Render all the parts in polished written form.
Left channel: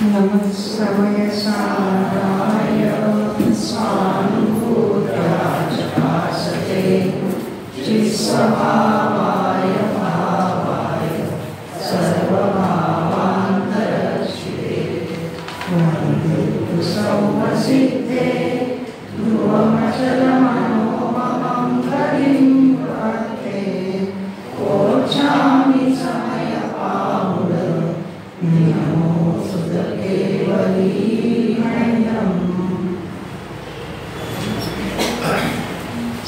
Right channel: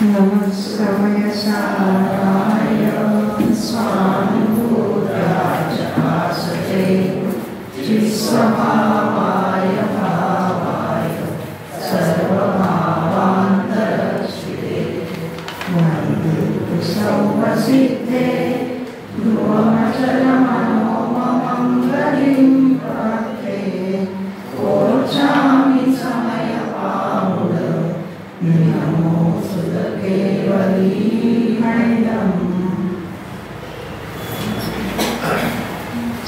नमः समयसाराय स्वानुभूतराजभासते चित्सभावाय भावाय सर्वभावान्तरक्षिते वन्दे सर्वसिद्धे ध्रुवमचलमनोममं गतिं प्राप्ते ओचामि समयपामुद नियमो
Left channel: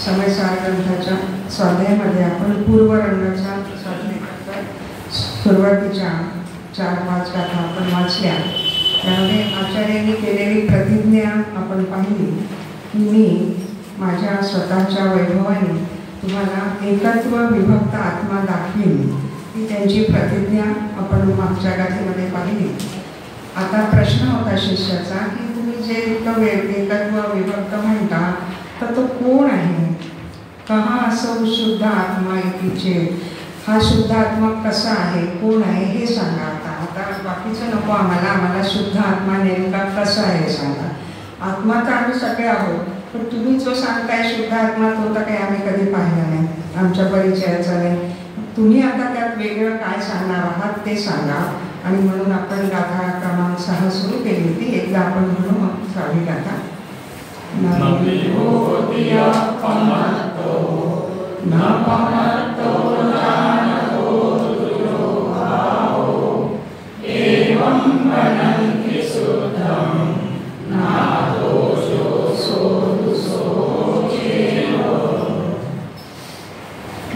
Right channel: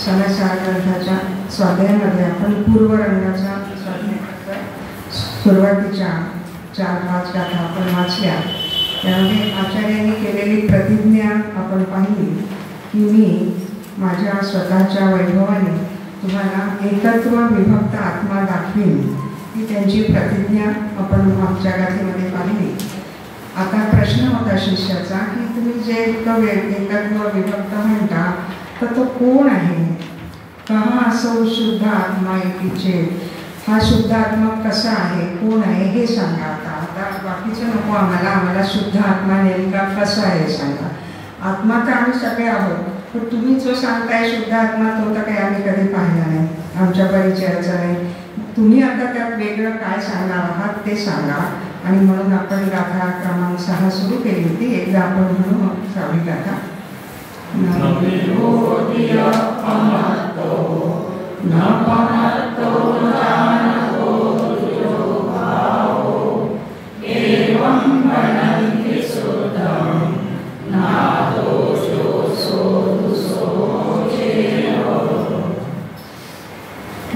समयसार ग्रंथाच्या स्वाध्यायामध्ये आपण पूर्वरंगाच्या स्वाध्यायाच्या सुरुवातीच्या 4-5 गाथा आपण वाचल्या. त्यामध्ये आचार्यांनी केलेली प्रतिज्ञा आपण पाहिली की मी माझ्या स्वतःच्या वैभवाने तुम्हाला एकत्व विभक्त आत्मा दाखवीन. ही त्यांची प्रतिज्ञा आपण मागच्या गाथेमध्ये पाहिली. आता प्रश्न होता शिष्याचा की तुम्ही जे एकत्व विभक्त म्हणता तर तो कोण आहे? कहा असो शुद्ध आत्मा एकीचे. हा शुद्ध आत्मा कसा आहे, कोण आहे हे सांगा. आता बाकीचं नको आम्हाला शुद्ध आत्मा नेमका कसा आहे सांगा. आत्मा तर आम्ही सगळे आहोत, पण तुम्ही जो सांगताय शुद्ध आत्मा तो तर काही आम्ही कधी पाहिला नाही, आमच्या परिचयाचा नाही. तुम्ही आता त्यात वेगळं काय सांगणार आहात ते सांगा. आणि म्हणून आपण गाथा क्रमांक 6 सुरू केली होती. एकदा आपण म्हणू 6वी गाथा.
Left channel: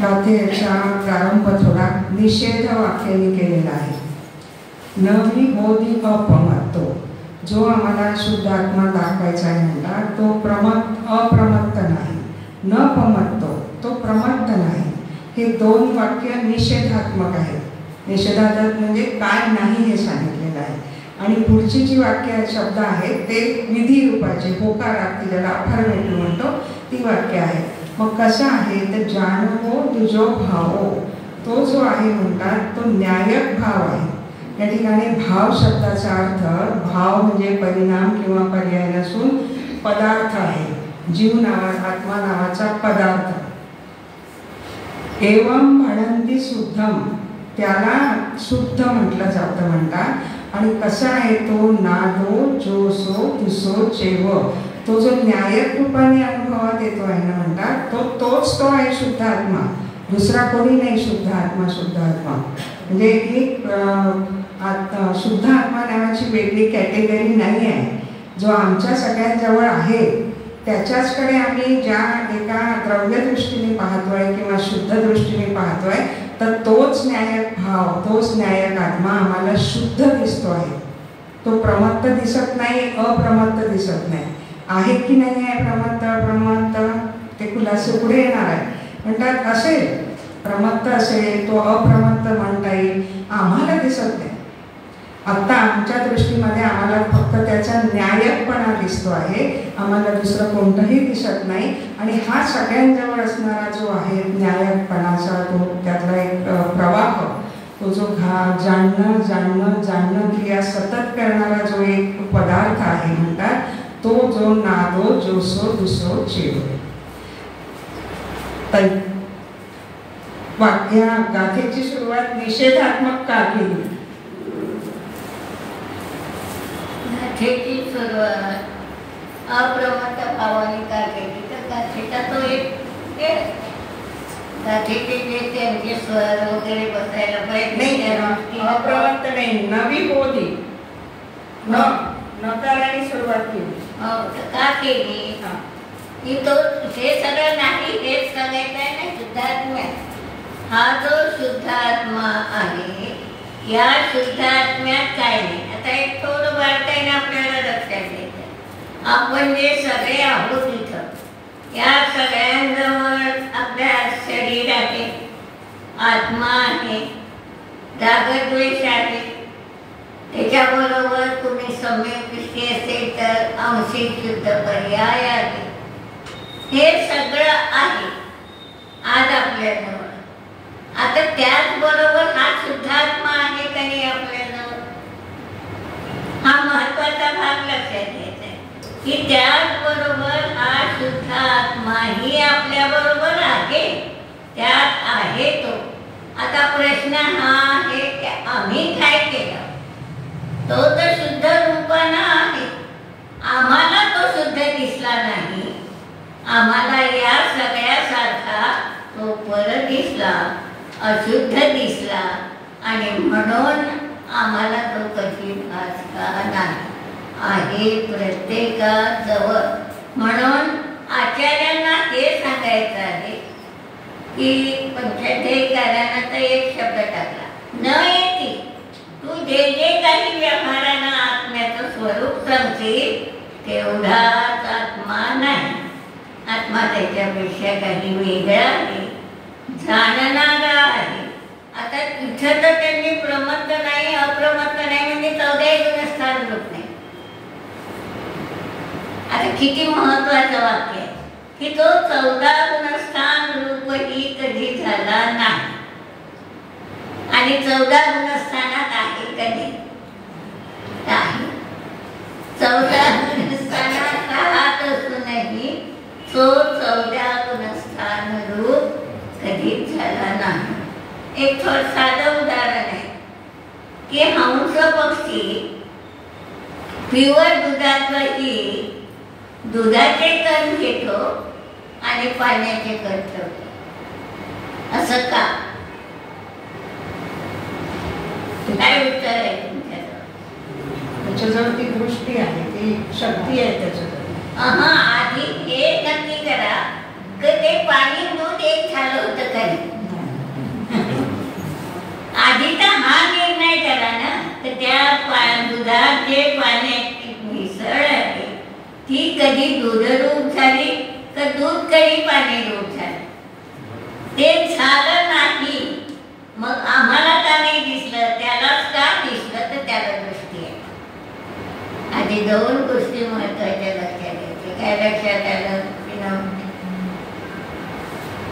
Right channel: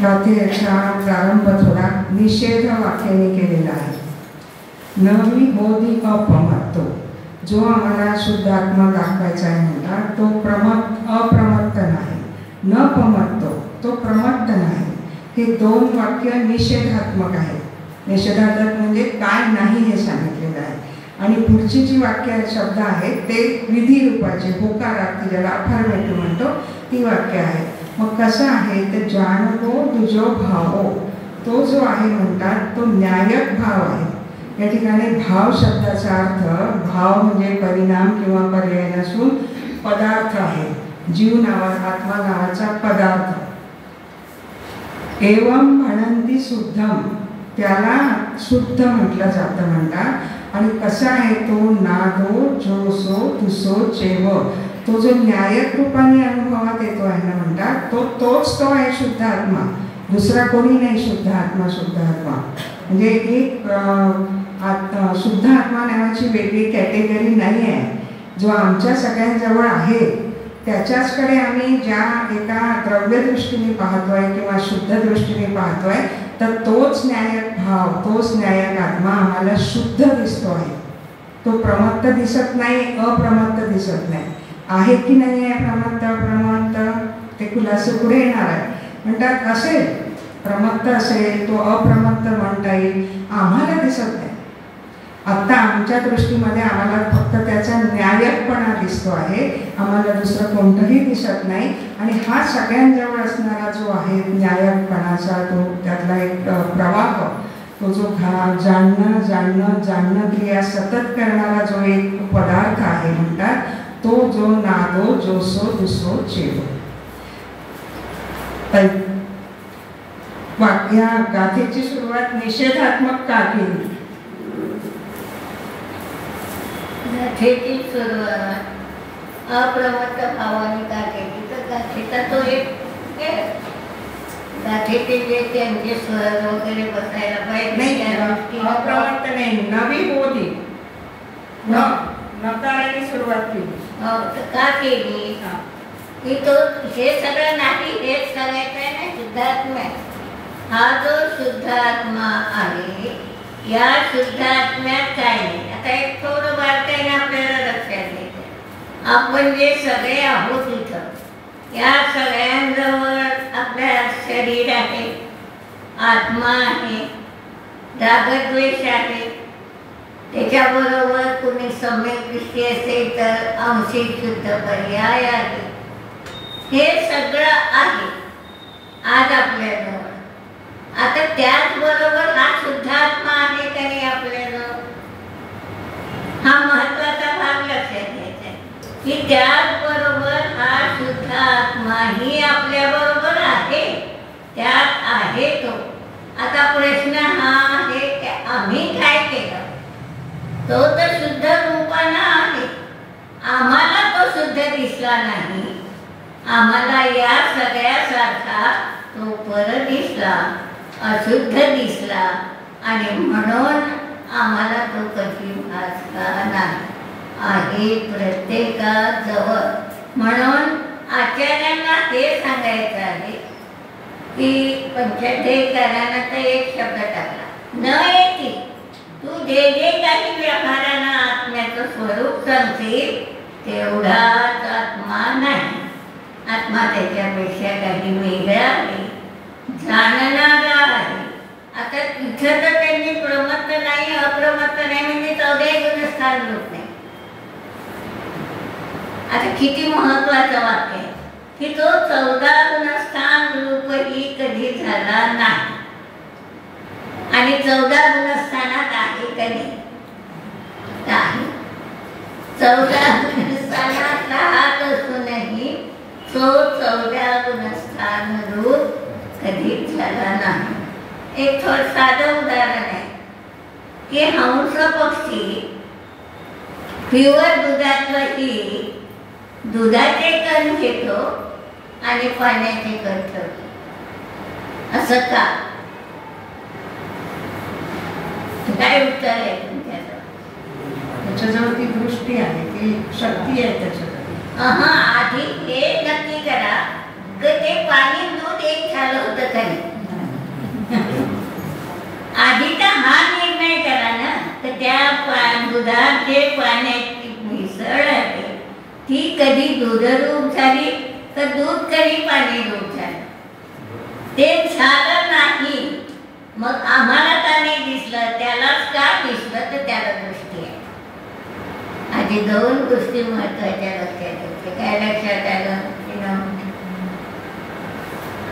गाथेचा प्रारंभ थोडा निषेध वाक्याने केलेला आहे. न ही बोधी अपमत्तो. जो आम्हाला शुद्ध आत्मा दाखवायचा आहे म्हणतात तो अप्रमत्त नाही. न पमत्तो तो प्रमत्त नाही. हे 2 वाक्य निषेधात्मक आहेत. निषेधात्मक म्हणजे काय नाही हे सांगितलेलं आहे. आणि पुढची जी वाक्य शब्द आहेत ते विधी रूपाचे होकारार्थी ज्याला अफर्मेटिव्ह म्हणतो ती वाक्य आहेत. मग कसं आहे तर जाणवो तुझो भावो. तो जो आहे म्हणतात तो न्यायक भाव आहे. या ठिकाणी भाव शब्दाचा अर्थ भाव म्हणजे परिणाम किंवा पर्याय नसून पदार्थ आहे. जीव आत्मा नावाचा पदार्थ. एवं म्हणंती शुद्धम. त्याला शुद्ध म्हटलं जातं म्हणतात. आणि कसा आहे तो नादो जोसो तुसो चेव. तो जो न्यायक रूपाने अनुभवात येतो आहे ना म्हणतात तोच तो आहे शुद्ध आत्मा. दुसरा कोणी नाही शुद्ध आत्मा. शुद्ध आत्मा म्हणजे एक शुद्ध आत्मा नावाची वेगळी कॅटेगरी नाही आहे. जो आमच्या सगळ्यांजवळ आहे त्याच्याचकडे आम्ही ज्या एका द्रव्यदृष्टीने पाहतोय किंवा शुद्ध दृष्टीने पाहतोय तर तोच न्यायक भाव, तोच न्यायक आत्मा आम्हाला शुद्ध दिसतो आहे. तो प्रमत्त दिसत नाही, अप्रमत्त दिसत नाही. आहे की नाही आहे प्रमत्त अप्रमत्त ते खुलासे पुढे येणार आहे. म्हणतात असेल प्रमत्त असेल तो अप्रमत्त म्हणता येईल, आम्हाला दिसत नाही. आत्ता आमच्या दृष्टीमध्ये आम्हाला फक्त त्याचा न्यायकपणा दिसतो आहे. आम्हाला दुसरं कोणतंही दिसत नाही. आणि हा सगळ्यांजवळ असणारा जो आहे न्यायकपणाचा तो त्यातला एक प्रवाह, तो जो जाणणं क्रिया सतत करणारा जो एक पदार्थ आहे म्हणतात तो जो नादो जोसो दुसो चेव. या गाथेची सुरुवात निषेधात्मक का केली? गाथेची सुरुवात अप्रमत्त भावाने का केली तर गाथेचा तो एक गाथेचे जे त्यांचे स्वर वगैरे बसायला पाहिजे नाही. अप्रमत्त नाही, नवी बोधी नकाराने सुरुवात केली. का केली की तो हे सगळं नाही हेच सांगायचं आहे ना. शुद्धात्मा हा जो शुद्धात्मा आहे या शुद्धात्म्यात काय नाही. आता एक थोडं बारकाईने आपल्याला लक्षात घ्यायचं. आपण जे सगळे आहोत इथं या सगळ्यांजवळ आपल्या शरीर आहे, आत्मा आहे, रागद्वेष आहे. त्याच्याबरोबर तुम्ही सम्यक दृष्टी असेल तर आंशिक शुद्ध पर्याय आहे. हे सगळं आहे आज आपल्याजवळ. आता त्याचबरोबर हा शुद्धात्मा आहे का हा महत्वाचा भाग लक्षात घ्यायचा आहे की त्याचबरोबर हा शुद्ध आत्माही आपल्या बरोबर आहे, त्यात आहे तो. आता प्रश्न हा आहे की आम्ही काय केलं? तो तर शुद्ध रूपानं आहे, आम्हाला तो शुद्ध दिसला नाही, आम्हाला या सगळ्यासारखा तो परत दिसला, अशुद्ध दिसला आणि म्हणून आम्हाला तो कधी भासला नाही आहे प्रत्येकाजवळ. म्हणून आचार्यांना हे सांगायचं आहे की पंचाध्यायीकारांना तर एक शब्द टाकला, न येती तू जे जे काही व्यवहारानं आत्म्याचं स्वरूप समजेल तेवढाच आत्मा नाही. आत्मा त्याच्यापेक्षा काही वेगळा आहे, जाणणारा आहे. आता इथं तर त्यांनी प्रमत्त नाही, अप्रमत्त नाही म्हणजे 14 गुणस्थान रूप नाही. आता किती महत्वाचं वाक्य आहे की तो 14 गुणस्थान रूपही कधी झाला नाही. आणि 14 गुणस्थानात आहे कधी नाही. 14 गुणस्थानात राहत असूनही तो 14 गुणस्थान रूप कधीच झाला नाही. एक थोडं साधं उदाहरण आहे की हंस पक्षी प्युअर दुधातही दुधाचे कण घेतो आणि पाण्याचे कण ठेवतो. असं का? काय उत्तर आहे तुमच्याजवळ? त्याच्याजवळ ती दृष्टी आहे, ती शक्ती आहे त्याच्याजवळ. आधी हे नक्की करा की ते पाणी दूध एक झालं होतं का नाही. आधी तर हा निर्णय करा ना तर त्या दुधात जे पाण्याची मिसळ आहे ती कधी दूधरूप झाली तर दूध कधी पाणी रूप झालं. ते झालं नाही, मग आम्हाला का नाही दिसलं, त्यालाच का दिसलं तर त्याला दृष्टी आहे. आधी 2 गोष्टी महत्वाच्या लक्षात घ्यायच्या. काय लक्षात आलं?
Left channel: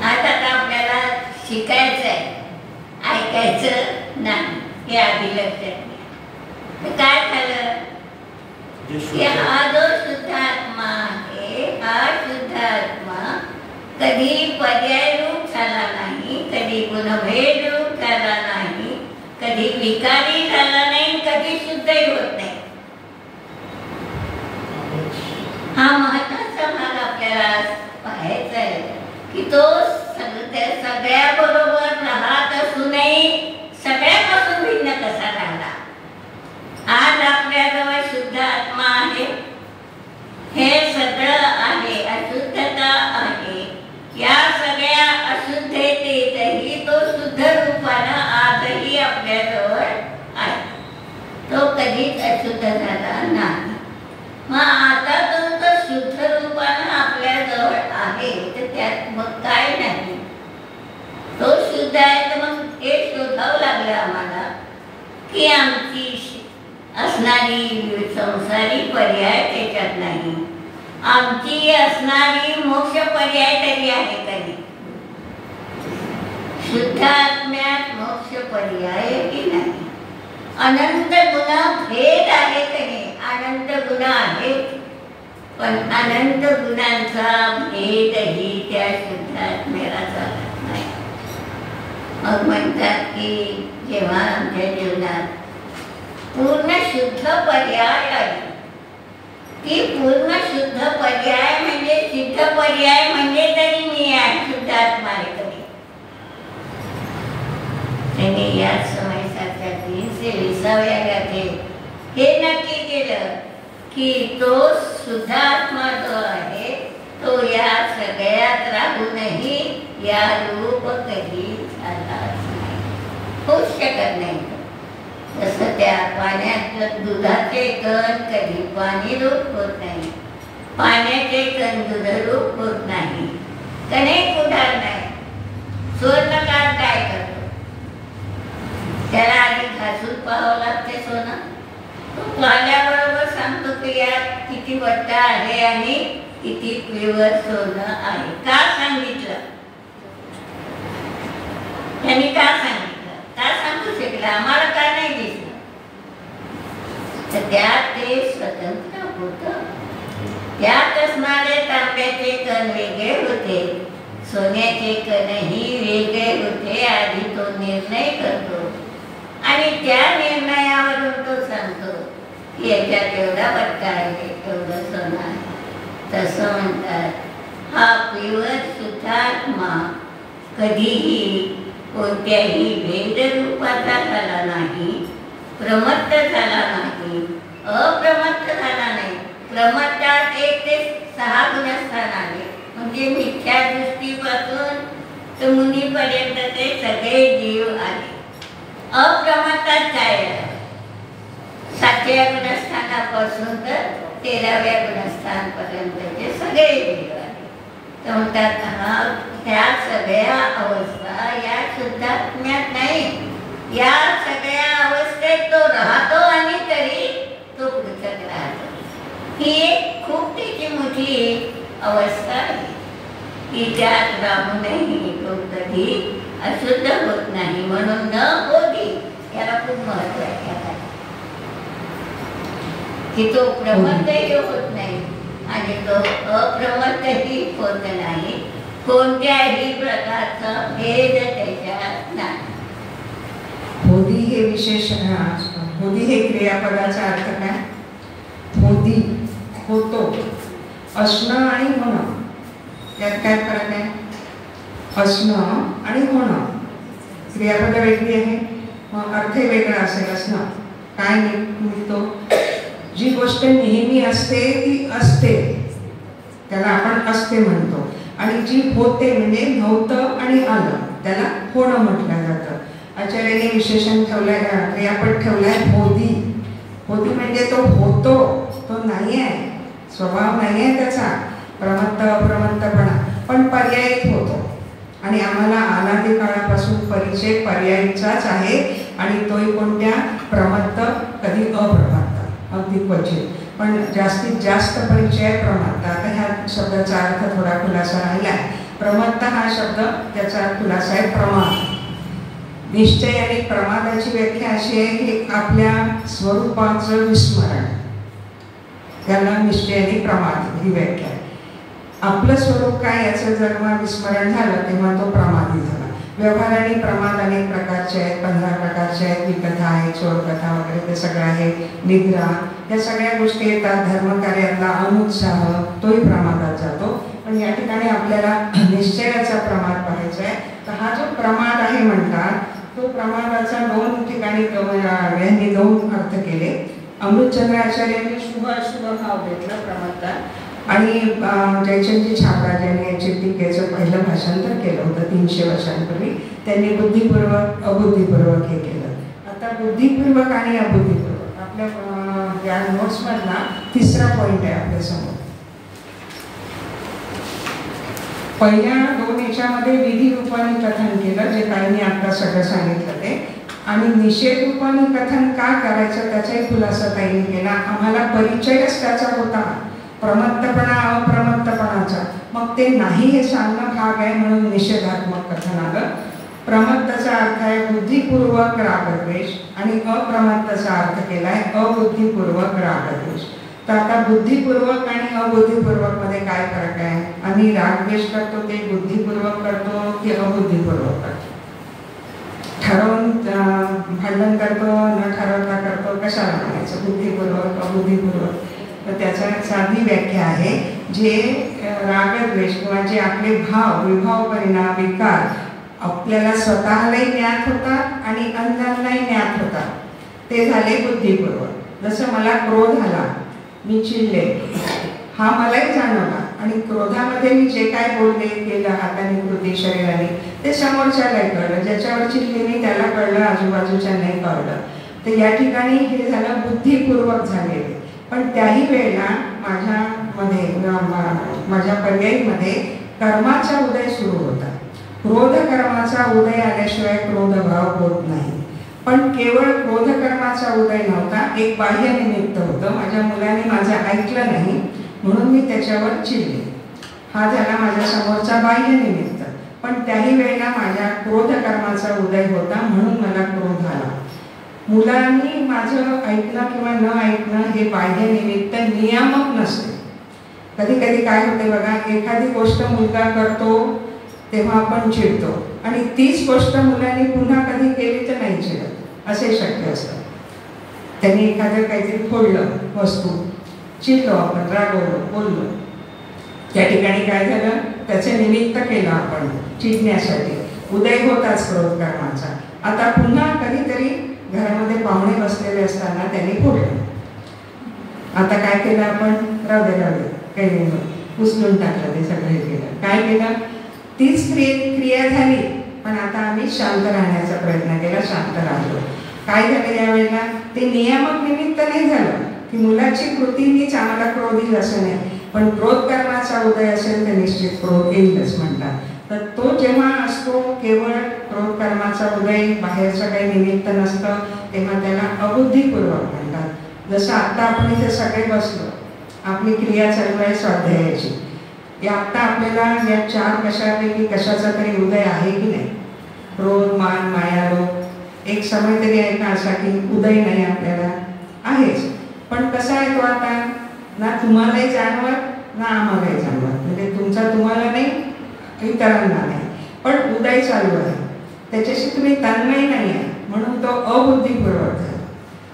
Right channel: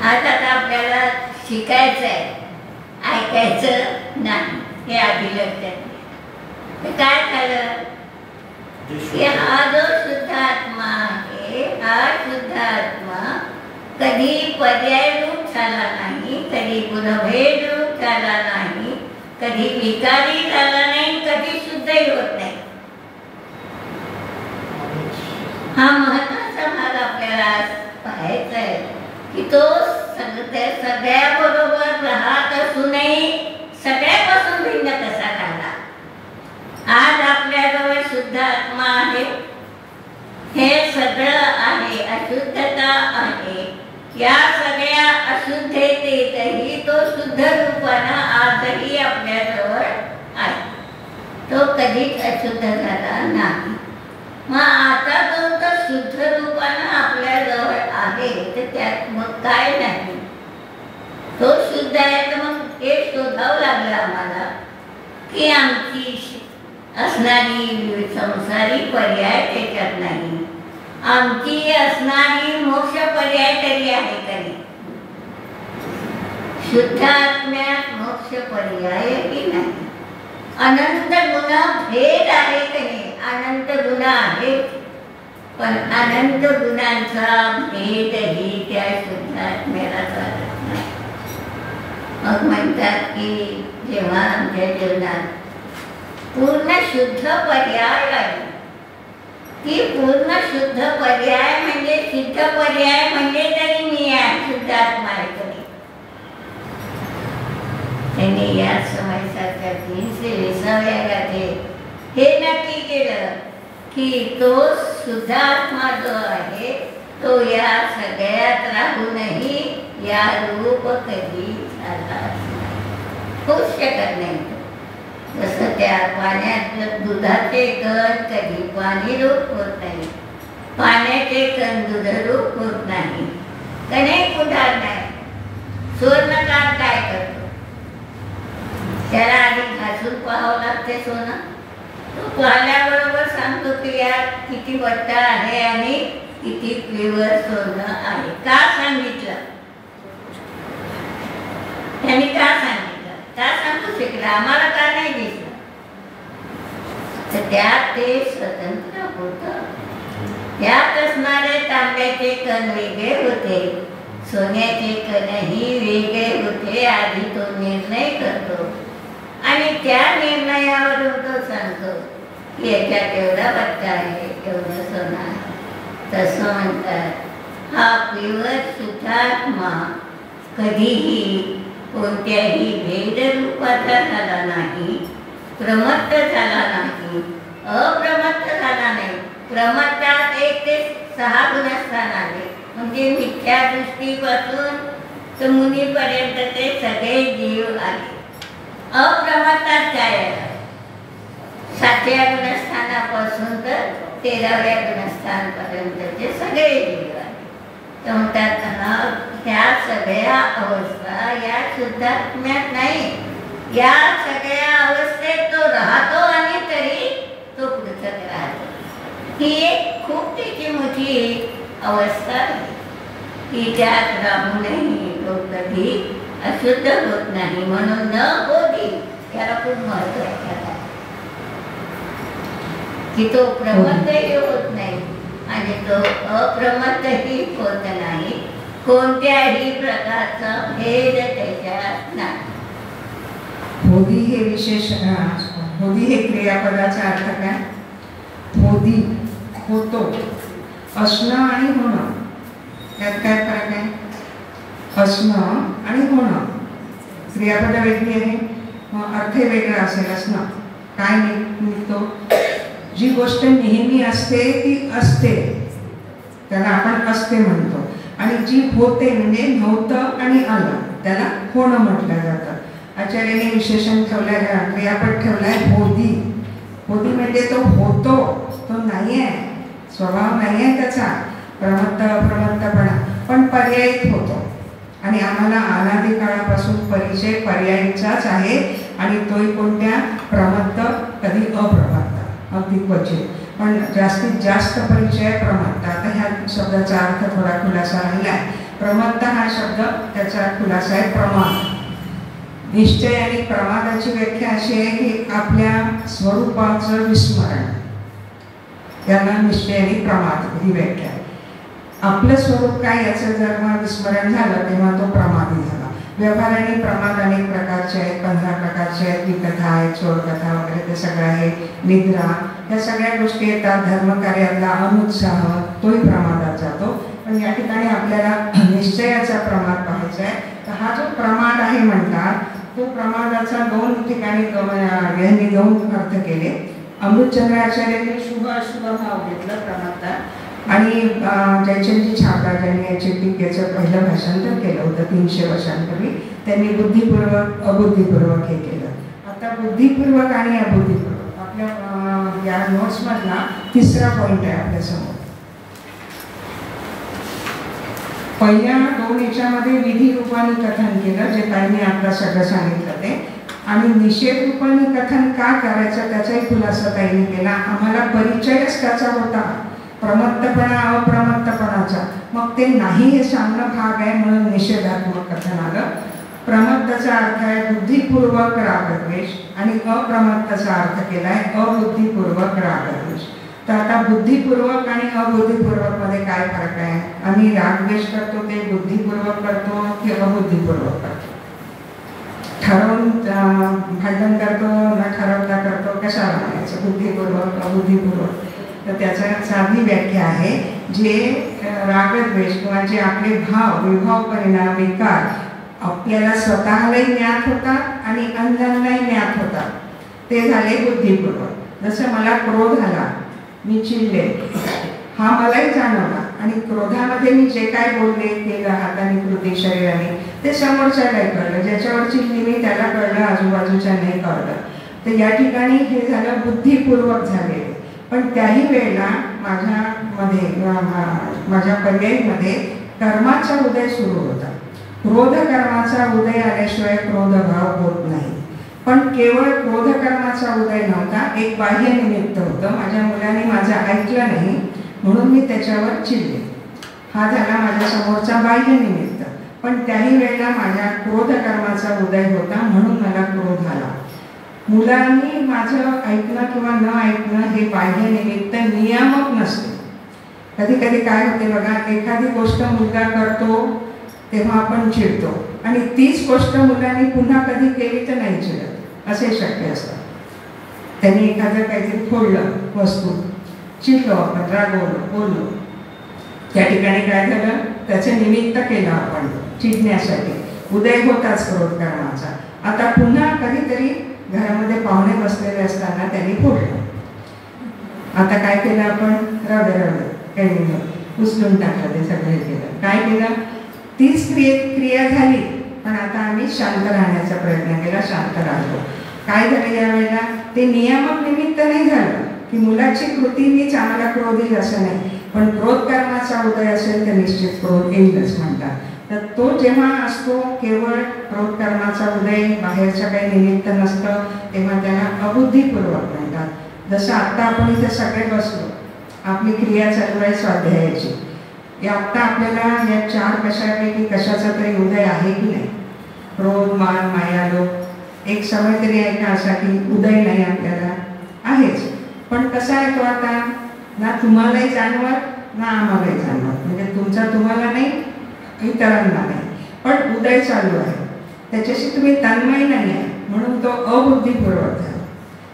आज आता आपल्याला शिकायचं आहे, ऐकायचं नाही, हे आधी लक्षात घ्या. तर काय झालं की हा जो शुद्ध आत्मा आहे, हा शुद्ध आत्मा कधी पर्याय रूप झाला नाही, कधी गुणभेद रूप झाला नाही, कधी विकारी झाला नाही, कधी शुद्धही होत नाही. हा महत्वाचा भाग आपल्याला पाहायचा आहे की तो सगळ्या बरोबर राहत असूनही सगळ्यापासून भिन्न कसा राहिला. आज आपल्याजवळ शुद्ध आत्मा आहे, हे सगळं आहे, अशुद्धता आहे. या सगळ्या अशुद्धतेतही तो शुद्ध रूपानं आजही आपल्याजवळ आहे, तो कधीच अशुद्ध झाला नाही. मग आता तो तर शुद्ध रूपानं आपल्याजवळ आहे तर त्यात मग काय नाही, तो शुद्ध आहे तर मग हे शोधावं लागलं आम्हाला की आमची असणारी संसारी पर्याय त्याच्यात नाही, आमची असणारी मोक्ष पर्याय तरी आहे कधी. शुद्ध आत्म्यात मोक्ष पर्यायही नाही. अनंत गुण भेद आहे कधी, अनंत गुण आहेत पण अनंत गुणांचा भेदही त्या शुद्ध आत्म्याला चालत नाही. मग म्हणतात की जेव्हा आमच्या जीवनात पूर्ण शुद्ध पर्याय आहे, ती पूर्ण शुद्ध पर्याय म्हणजे सिद्ध पर्याय म्हणजे तरी मी शुद्ध आत्मा आहे कधी. त्यांनी या समयसारख्या 320व्या गाथेत हे नक्की केलं की तो शुद्ध आत्मा जो आहे तो या सगळ्यात राहूनही या रूप कधी झालाच नाही, होऊच शकत नाही. जसं त्या पाण्यात दुधाचे कण कधी पाणी रूप होत नाही, पाण्याचे कण दुधरूप होत नाही. कणही कुठार नाही. सुवर्णकार काय करतो? त्याला आधी घासून पाहावं लागते सोनं. तो पाहिल्याबरोबर सांगतो की यात किती वट्टा आहे आणि किती प्युअर सोनं आहे. का सांगितलं? त्यांनी का सांगितलं? का सांगू शकला? आम्हाला का नाही दिसलं? तर त्यात ते स्वतंत्र होतं. त्यात असणारे तांब्याचे कण वेगळे होते, सोन्याचे कणही वेगळे होते. आधी तो निर्णय करतो आणि त्या निर्णयावरून तो सांगतो की याच्यात एवढा पट्टा आहे, एवढं सोनं आहे. तसं म्हणतात हा प्युअर शुद्धात्मा कधीही कोणत्याही भेदरूपाचा झाला नाही, प्रमत्त झाला नाही, अप्रमत्त झाला नाही. प्रमत्तात 1 ते 6 गुणस्थान आले, म्हणजे मिथ्या दृष्टीपासून तर मुनीपर्यंत ते सगळे जीव आले. अप्रमत्तात काय आहे? 7व्या गुणस्थानापासून तर 13व्या गुणस्थानपर्यंतचे सगळे जीव आले. तर म्हणतात ह्या सगळ्या अवस्था या शुद्धात्म्यात नाही, या सगळ्या अवस्थेत तो राहतो आणि तरी तो पृथक राहतो. ही एक खूप त्याची मोठी अवस्था आहे की त्यात राहूनही तो कधी अशुद्ध होत नाही. म्हणून न होती याला खूप महत्व आहे की तो प्रमत्तही होत नाही आणि तो अप्रमत्तही होत नाही. कोणत्याही प्रकारचा भेद त्याच्यात नाही. होदी हे विशेष, होदी हे क्रियापदाचा अर्थ काय? होदी होतो, असणं आणि होणं, यात काय फरक आहे? असणं आणि होणं, क्रियापद वेगळी आहे, अर्थ वेगळा असेल. असणं काय निघतो? जी गोष्ट नेहमी असते ती असते, त्याला आपण असते म्हणतो. आणि जी होते म्हणजे नव्हतं आणि आलं, त्याला होणं म्हटलं जातं. आचार्याने विशेषण ठेवलंय, क्रियापद ठेवलाय होदी. होदी म्हणजे तो होतो, तो नाही आहे, स्वभाव नाही आहे त्याचा, प्रमत्त अप्रमत्तपणा, पण पर्यायित होतो. आणि आम्हाला अनादी काळापासून परिचय पर्यायीचाच आहे. आणि तोही कोणत्या? प्रमत्त, कधी अप्रमत्त, अगदी क्वचित, पण जास्तीत जास्त परिचय प्रमत्त. आता ह्या शब्दाचा अर्थ थोडा खुलासा राहिला आहे. प्रमत्त हा शब्द त्याचा खुलासा आहे प्रमाद. निश्चय आणि प्रमादाची व्याख्या अशी आहे की आपल्या स्वरूपाचं विस्मरण, त्याला निश्चय आणि प्रमाद ही व्याख्या. आपलं स्वरूप काय याचं जेव्हा विस्मरण झालं तेव्हा तो प्रमादी झाला. व्यवहाराने प्रमाद अनेक प्रकारचे आहेत, 15 प्रकारचे आहेत. विकथा आहे, चोरकथा वगैरे ते सगळं आहे, निद्रा, या सगळ्या गोष्टी येतात. धर्मकार्यातला अनुत्साह तोही प्रमादात जातो. पण या ठिकाणी आपल्याला निश्चयाचा प्रमाद पाहायचा आहे. तर हा जो प्रमाद आहे म्हणतात, तो प्रमादाचा 2 ठिकाणी यांनी 2 अर्थ केले. अमृतचंद्राचार्यांनी शुभ अशुभ भाव घेतला प्रमादात, आणि जयचंदजी छापरा ज्यांनी याचे टीकेचं पहिलं भाषांतर केलं होतं 300 वर्षांपूर्वी, त्यांनी बुद्धिपूर्वक अबुद्धिपूर्वक हे केलं. आता बुद्धिपूर्वक आणि अबुद्धिपूर्वक आपल्या या नोट्समधला 3रा पॉईंट आहे आपल्यासमोर. पहिल्या 2 याच्यामध्ये विधी रूपाने कथन केलं, जे काही मी आपलं सगळं सांगितलं ते, आणि निषेध रूपाने कथन का करायचं त्याचाही खुलासा ताईंनी केला. आम्हाला परिचयच त्याचा होता, प्रमत्तपणा अप्रमत्तपणाचा. मग ते नाही हे सांगणं भाग आहे, म्हणून निषेधात्मक कथन आलं. प्रमत्तचा अर्थ आहे बुद्धिपूर्वक रागद्वेष, आणि अप्रमत्तचा अर्थ केला आहे अबुद्धिपूर्वक रागद्वेष. तर आता बुद्धिपूर्वक आणि अबुद्धिपूर्वक मध्ये काय फरक आहे? आम्ही रागद्वेष करतो ते बुद्धिपूर्वक करतो की अबुद्धिपूर्वक करतो? ठरवून भांडण करतो, न ठरवता करतो, कशाला म्हणायचं बुद्धिपूर्वक अबुद्धिपूर्वक? तर त्याचा साधी व्याख्या आहे, जे रागद्वेष किंवा जे आपले भाव, विभाव, परिणाम, विकार आपल्याला स्वतःलाही ज्ञात होतात आणि अन्यांनाही ज्ञात होतात, ते झाले बुद्धिपूर्वक. जसं मला क्रोध आला, मी चिडले, हा मलाही जाणवला, आणि क्रोधामध्ये मी जे काय बोलले, केलं, हाताने, कृती, शरीराने, ते समोरच्यालाही कळलं. ज्याच्यावर चिडली मी त्याला कळलं, आजूबाजूच्या नाही कळलं. तर या ठिकाणी हे झालं बुद्धिपूर्वक झालेले. पण त्याही वेळेला माझ्या पर्यायीमध्ये कर्माचा उदय सुरू होता. क्रोध कर्माचा उदय आल्याशिवाय क्रोधभाव होत नाही. पण केवळ क्रोध कर्माचा उदय नव्हता, एक बाह्य निमित्त होतं. माझ्या मुलाने माझं ऐकलं नाही म्हणून मी त्याच्यावर चिडले, हा झाला माझ्या समोरचा बाह्य निमित्त. पण त्याही वेळेला माझ्या क्रोध कर्माचा उदय होता म्हणून मला क्रोध आला. मुलांनी माझं ऐकणं किंवा न ऐकणं हे बाह्यनिमित्त नियामक नसते. कधी कधी काय होते बघा, एखादी गोष्ट मुलगा करतो तेव्हा आपण चिडतो आणि तीच गोष्ट मुलांनी पुन्हा कधी केली तर नाही चिडत, असे शक्य असतं. त्यांनी एखादं काहीतरी फोडलं वस्तू, चिडलो आपण, रागवलो, बोललो, त्या ठिकाणी काय झालं, त्याचे निमित्त केलं आपण चिडण्यासाठी, उदय होताच क्रोध कर्माचा. आता पुन्हा कधीतरी घरामध्ये पाहुणे बसलेले असताना त्यांनी फोडलं. आता काय केलं आपण, राहू काही उचलून टाकलं, ते सगळं केलं. काय केलं, तीच क्रिया झाली, पण आता आम्ही शांत राहण्याचा प्रयत्न केला, शांत राहिलो. काय झालं यावेळेला, ते नियामक निमित्त नाही झालं की मुलाची कृती मीच आम्हाला क्रोध येईल असं नाही, पण क्रोध कर्माचा उदय असेल तर निश्चित क्रोध येईलच म्हणतात. तर तो जेव्हा असतो केवळ क्रोध कर्माचा उदय, बाहेरचं काही निमित्त नसतं, तेव्हा त्याला अबुद्धिपूर्वक म्हणतात. जसं आत्ता आपण इथे सगळे बसलो, आपली क्रिया चालू आहे स्वाध्यायाची, या आत्ता आपल्याला या 4 कशापैकी कशाचा तरी उदय आहे की नाही, क्रोध, मान, माया, लोभ, एक समय तरी आहे का असा की उदय नाही आपल्याला, आहेच. पण कसा आहे तो आता, ना तुम्हालाही जाणवत ना आम्हालाही जाणवत, म्हणजे तुमचा तुम्हाला नाही, इतरांना नाही, पण उदय चालू आहे, त्याच्याशी तुम्ही तन्मय नाही आहे, म्हणून तो अबुद्धिपूर्वक झाला.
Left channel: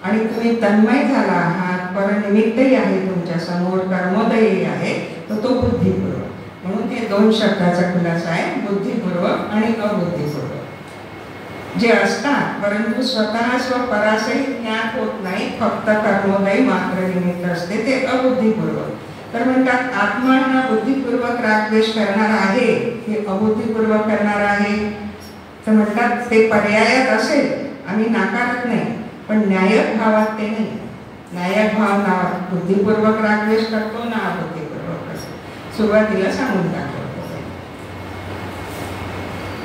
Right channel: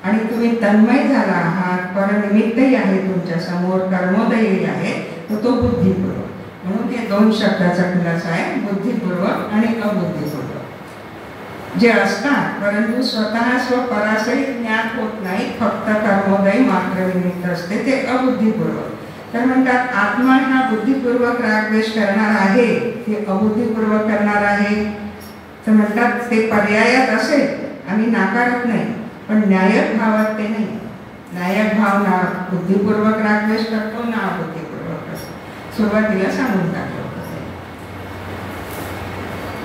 आणि तुम्ही तन्मय झाला आहात, परनिमित्तही आहे तुमच्या समोर, कर्मोदयही आहे, तर तो बुद्धिपूर्वक. म्हणून हे 2 शब्दाचा खुलासा आहे, बुद्धिपूर्वक आणि अबुद्धिपूर्वक. जे असतात परंतु स्वतः स्वपरासही ज्ञात होत नाही, फक्त कर्मोदय मात्र निमित्त असते, ते अबुद्धिपूर्वक. तर म्हणतात आत्मा हा बुद्धिपूर्वक रागद्वेष करणार आहे, हे अबुद्धिपूर्वक करणार आहे. तर म्हणतात ते पर्यायात असेल, आम्ही नाकारत नाही, पण न्यायक भावात ते नाही. न्यायक भाव ना बुद्धिपूर्वक रागद्वेष करतो ना अबुद्धिपूर्वक करतो. सुरुवातीला सांगून टाकतो.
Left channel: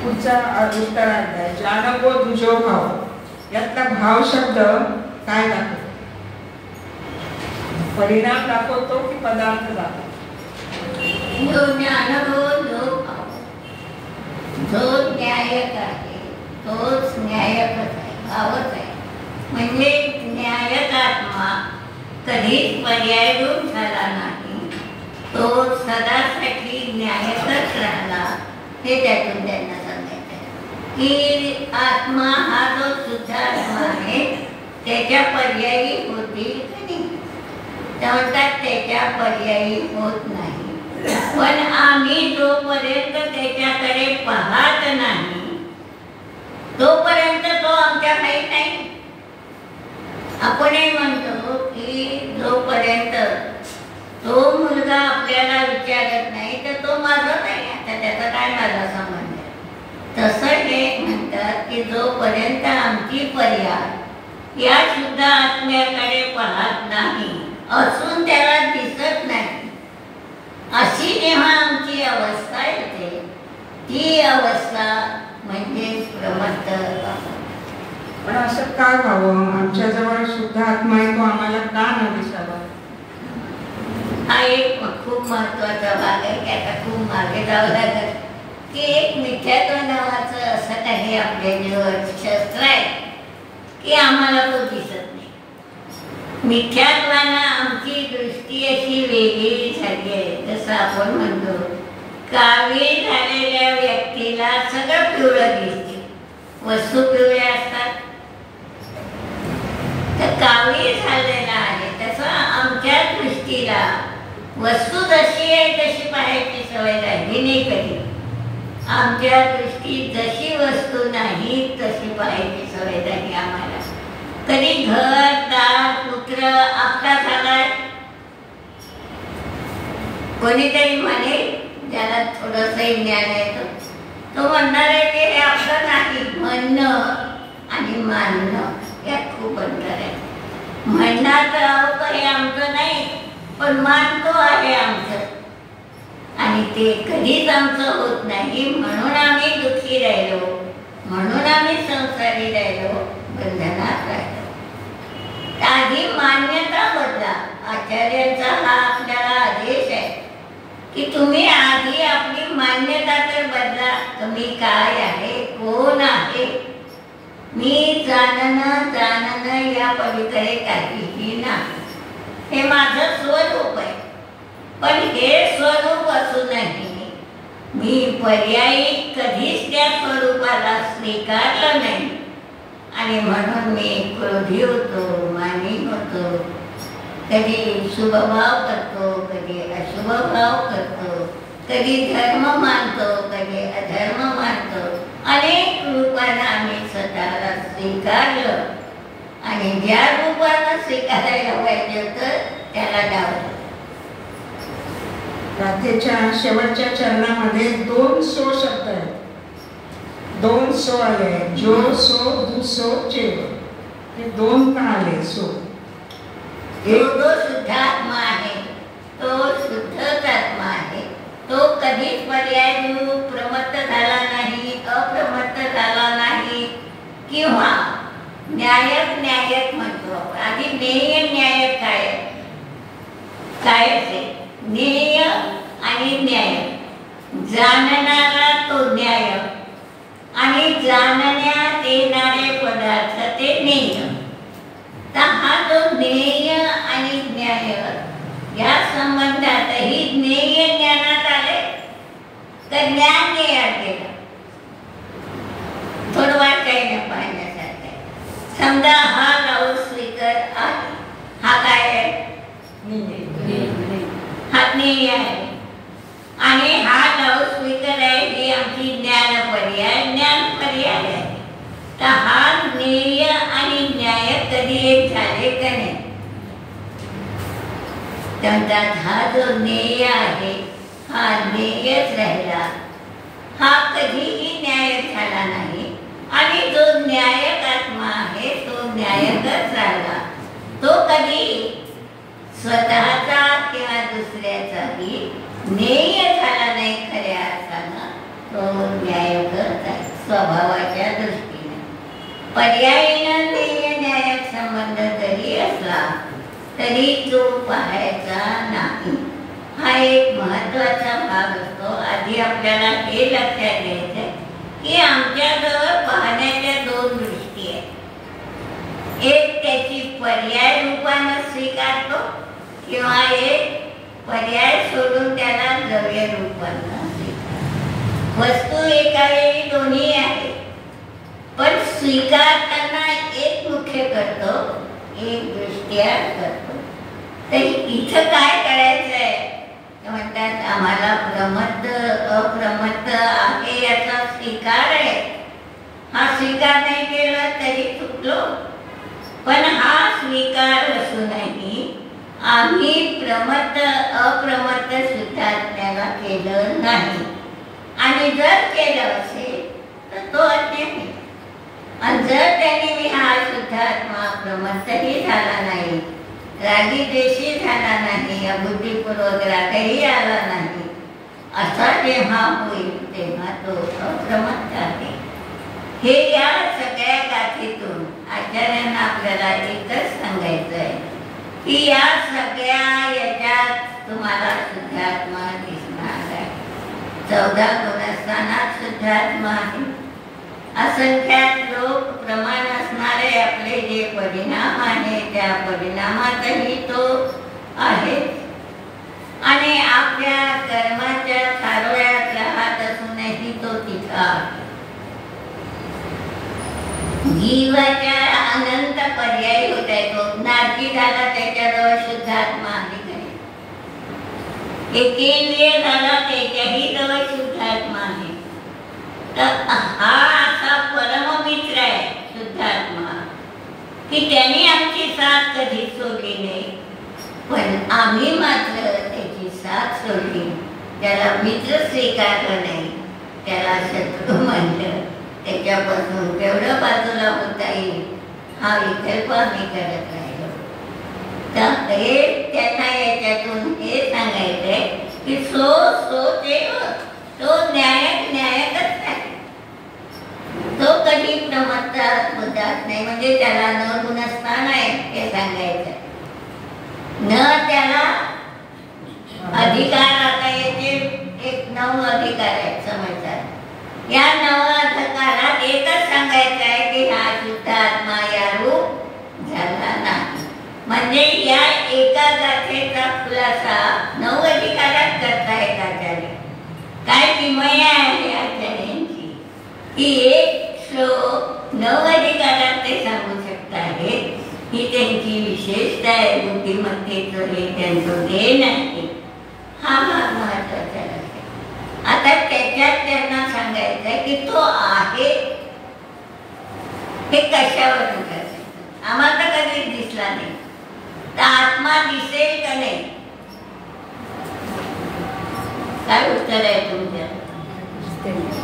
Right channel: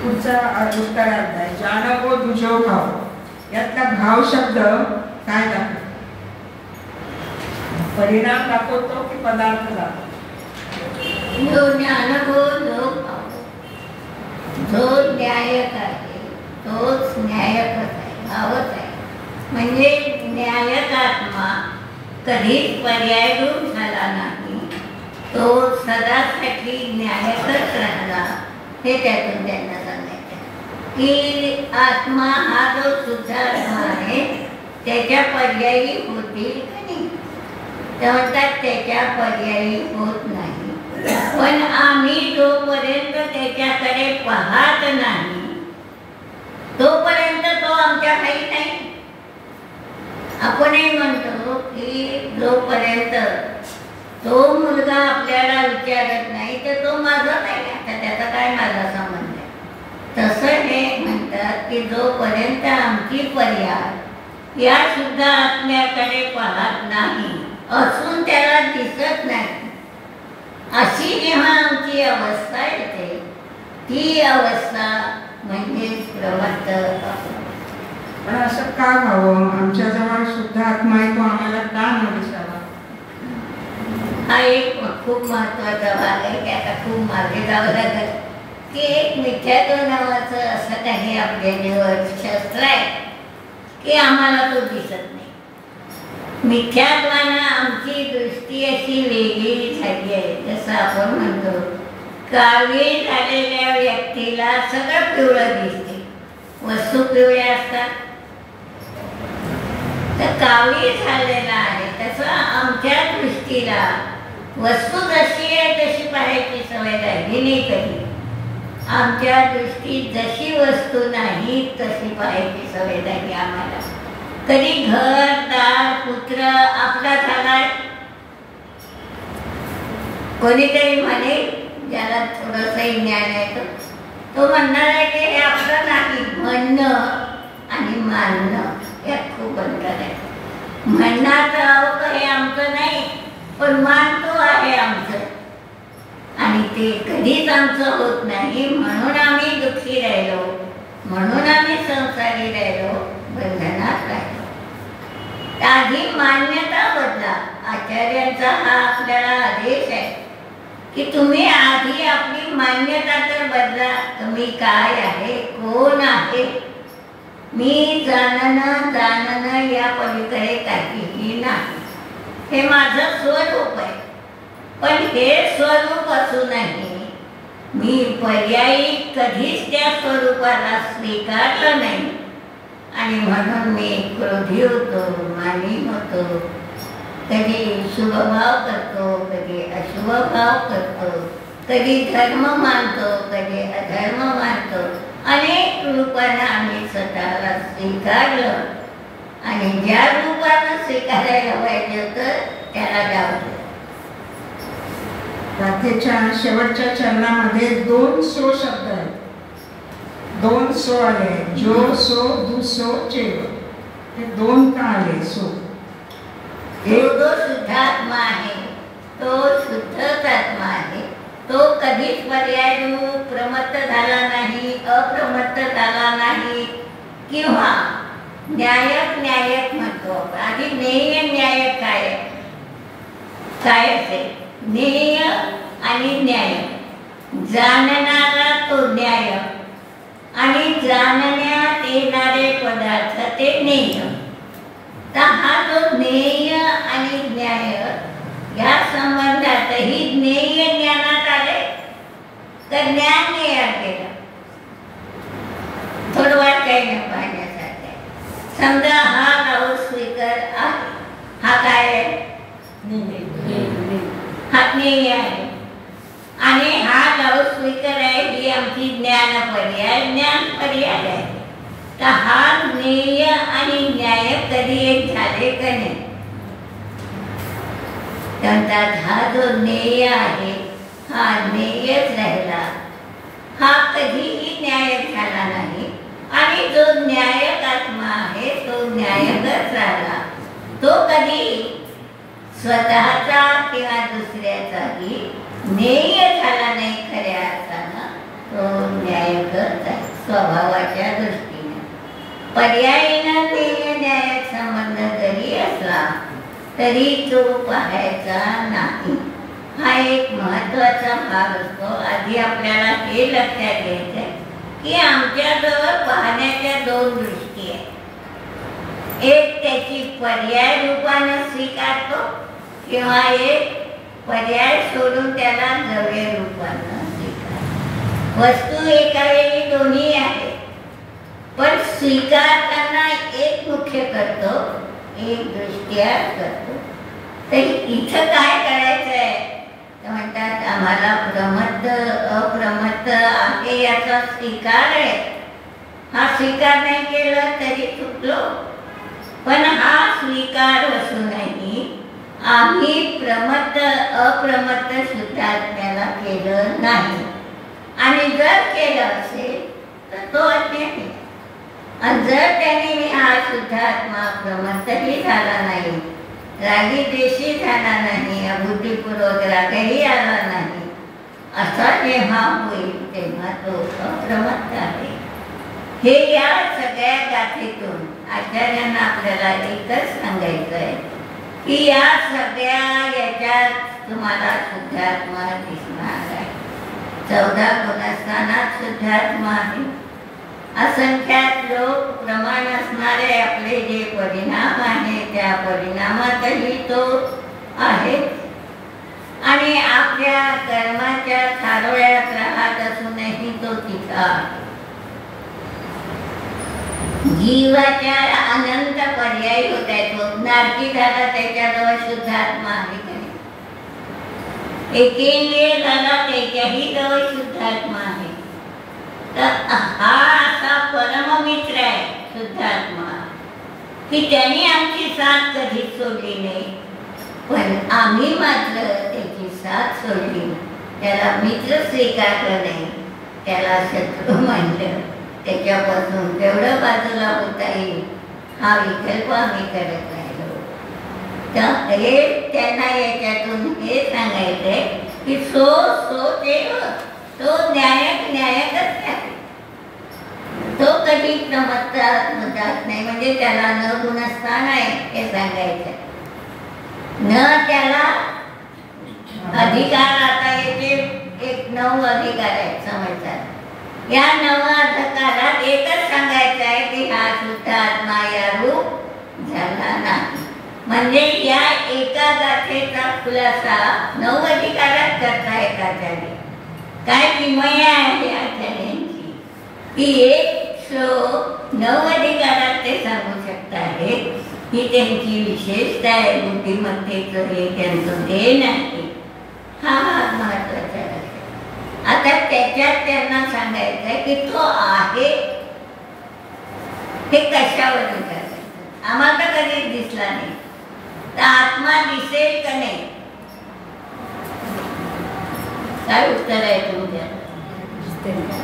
पुढचा उत्तरार्ध जाणवो दुजो भाव, यातला भाव शब्द काय दाखवतो, परिणाम दाखवतो की पदार्थ दाखवतो? जो ज्ञानभो जो भाव, जो न्यायक आहे तोच न्यायकच आहे, भावच आहे. म्हणजे न्यायक आत्मा कधीच पर्यायरूप झाला नाही, तो सदासाठी न्यायकच राहिला. हे त्यातून त्यांना सांगायचं की आत्मा हा जो शुद्ध आत्मा आहे त्याच्या पर्यायी होतील का नाही, त्या म्हणतात त्याच्या पर्यायी होत नाही. पण आम्ही जोपर्यंत त्याच्याकडे पाहत नाही तोपर्यंत तो आमच्या काही नाही. आपणही म्हणतो की जोपर्यंत तो मुलगा आपल्याला विचारत नाही तर तो माझा नाही, आता त्याचा काय माझा संबंध आहे. तसं हे म्हणतात की जोपर्यंत आमची पर्याय या शुद्ध आत्म्याकडे पाहत नाही, असून त्याला दिसत नाही, अशी जेव्हा आमची अवस्था येते ती अवस्था म्हणजे प्रमत्त. पण असं का व्हावं, आमच्याजवळ शुद्ध आत्मा आहे तो आम्हाला का न दिसावा? हा एक खूप महत्वाचा भाग आहे की आता खूप मागे जावं लागेल की एक मिथ्यात्व नावाचं असं काही आपल्या जीवन शास्त्र आहे की आम्हाला तो दिसत नाही. मिथ्यात्वानं आमची दृष्टी अशी वेगळी झाली आहे. जसं आपण म्हणतो काळी झालेल्या व्यक्तीला सगळं पिवळं दिसते, वस्तू पिवळ्या असतात, तर काळी झालेला आहे तसं आमच्या दृष्टीला वस्तू जशी आहे तशी पाहायची सवय राहिली नाही. कधी आमच्या दृष्टीत जशी वस्तू नाही तशी पाहायची सवय झाली आम्हाला. कधी घर, दार, पुत्र आपला झालाय, कोणीतरी म्हणे ज्याला थोडंसं ज्ञान आहे तो म्हणणार आहे की हे आपलं नाही. म्हणणं आणि मानणं यात खूप अंतर आहे. म्हणण्याचं अहो हे आमचं नाही, पण मानतो आहे आमचं, आणि ते कधीच आमचं होत नाही. म्हणून आम्ही दुःखी राहिलो, म्हणून आम्ही संसारी राहिलो, बंधनात राहिलो. आधी मान्यता बदला. आचार्यांचा हा आपल्याला आदेश आहे की तुम्ही आधी आपली मान्यता तर बदला. तुम्ही काय आहे, कोण आहे मी जाणणं या पलीकडे काहीही नाही. हे माझं स्वरूप आहे. पण हे स्वरूप असूनही मी पर्यायी कधीच त्या स्वरूपाला स्वीकारलं नाही. आणि म्हणून मी क्रोधी होतो, मानी होतो, कधी शुभभाव करतो, कधी अशुभभाव करतो, कधी धर्म मानतो, कधी अधर्म मानतो. अनेक रूपानं आम्ही स्वतःला स्वीकारलं आणि ज्या रूपानं स्वीकारायला पाहिजे होतं त्याला डावलं. गाथेच्या शेवटच्या चरणामध्ये 2 सो शब्द आहेत. 2 सो आले, जो सो दुसो चेव. हे 2 का आले सो? जो शुद्धात्मा आहे तो शुद्धच आत्मा आहे. तो कधीच पर्यायरूप प्रमत्त झाला नाही, अप्रमत्त झाला नाही किंवा न्यायक म्हणतो आपण. आधी ज्ञेय न्याय काय असेल? ज्ञेय आणि न्याय. जाणणारा तो न्याय आणि जाणण्यात येणारे पदार्थ ते ज्ञेय. तर हा जो ज्ञेय आणि न्याय या संबंधातही ज्ञेय ज्ञानात आले तर ज्ञान ज्ञेयात गेलं. थोडं काही न पाहण्यासारखं. समजा हा लाऊडस्पीकर आहे. हा काय आहे? हा ज्ञेय आहे. आणि हा लाऊडस्पीकर आहे ही आमची ज्ञान पर्याय आहे. तर हा ज्ञेय आणि न्याय कधी एक झाले का नाही? म्हणतात हा जो ज्ञेय आहे हा ज्ञेयच राहिला, हा कधीही न्याय झाला नाही. आणि जो न्यायक आत्मा आहे तो न्यायकच राहिला. तो कधी स्वतःचा किंवा दुसऱ्याचाही ज्ञेय झाला नाही. खऱ्या अर्थानं तो न्यायकच आहे स्वभावाच्या दृष्टीने. पर्यायीनं ज्ञेय न्यायक संबंध जरी असला तरी तो पाहायचा नाही. हा एक महत्वाचा भाग असतो. आधी आपल्याला हे लक्षात घ्यायचं की आमच्याजवळ पाहण्याच्या 2 दृष्टी आहेत. एक त्याची पर्याय रूपाने स्वीकारतो किंवा एक पर्याय सोडून त्याला द्रव्य रूपाने स्वीकारतो. वस्तू एका वेळी दोन्ही आहेत. पण स्वीकारताना एक मुख्य करतो, एक दृष्ट्या करतो. तर इथं काय करायचं आहे? म्हणतात आम्हाला प्रमत्त अप्रमत्त आहे याचा स्वीकार आहे. हा स्वीकार नाही केला तरी चुकलो. पण हा स्वीकार असूनही आम्ही प्रमत्त अप्रमत्त शुद्धात्म्याला केलं नाही. आणि जर केलं असेल तर तो अज्ञानी. आणि जर त्याने मी हा शुद्धात्मा प्रमत्तही झाला नाही, रागी द्वेषी झाला नाही, अबुद्धीपूर्वक रागही आला नाही, असा जेव्हा होईल तेव्हा तो अप्रमत्त आहे. हे या सगळ्या गाथेतून आचार्यांना आपल्याला एकच सांगायचं आहे की या सगळ्या याच्यात तुम्हाला शुद्धात्मा दिसणार आहे. 14 गुणस्थानात शुद्धात्मा आहे. असंख्यात लोक प्रमाण असणारे आपले जे परिणाम आहे त्या परिणामातही तो आहे. आणि आपल्या कर्माच्या थारोळ्यात राहत असूनही तो तिथं आहे. जीवाच्या अनंत पर्याय होत आहे. तो नारकी झाला त्याच्याजवळ शुद्धात्मा आहे का नाही? एकेंद्रिय झाला त्याच्याही जवळ शुद्धात्मा आहे. तर हा असा परममित्र आहे शुद्धात्मा की त्यांनी आमची साथ कधीच सोडली नाही. पण आम्ही मात्र त्याची साथ सोडली. त्याला मित्र स्वीकारलं नाही, त्याला शत्रू मानलं. त्याच्यापासून तेवढं बाजूला होता येईल हा विकल्प आम्ही करत राहिलो. तर हे त्यांना याच्यातून हे सांगायचंय की सो देव तो न्यायकच नाही. तो कधी प्रमत्त मुद्दात नाही. म्हणजे त्याला न गुणस्थान आहे हे सांगायचं. न त्याला अधिकार. आता याचे 9 अधिकार आहेत समजतात. या नवाधिकारात एकच सांगायचं आहे की हा शुद्ध आत्मा या रूप झाला नाही. म्हणजे या एका गाथेचा खुलासा 9 अधिकारात करता येत आचार्य. काय किमया आहे आचार्यांची की एक श्लोक 9 अधिकारात ते सांगू शकत आहेत. ही त्यांची विशेषता आहे. बुद्धिमत्तेचं हे त्यांचं देण आहे. हा भाग महत्वाचा आहे. आता त्याच्यात त्यांना सांगायचं आहे की तो आहे हे कशावरून करायचं. आम्हाला तर कधीच दिसला नाही. तर आत्मा दिसेल का नाही? काय उत्तर आहे तुमच्या?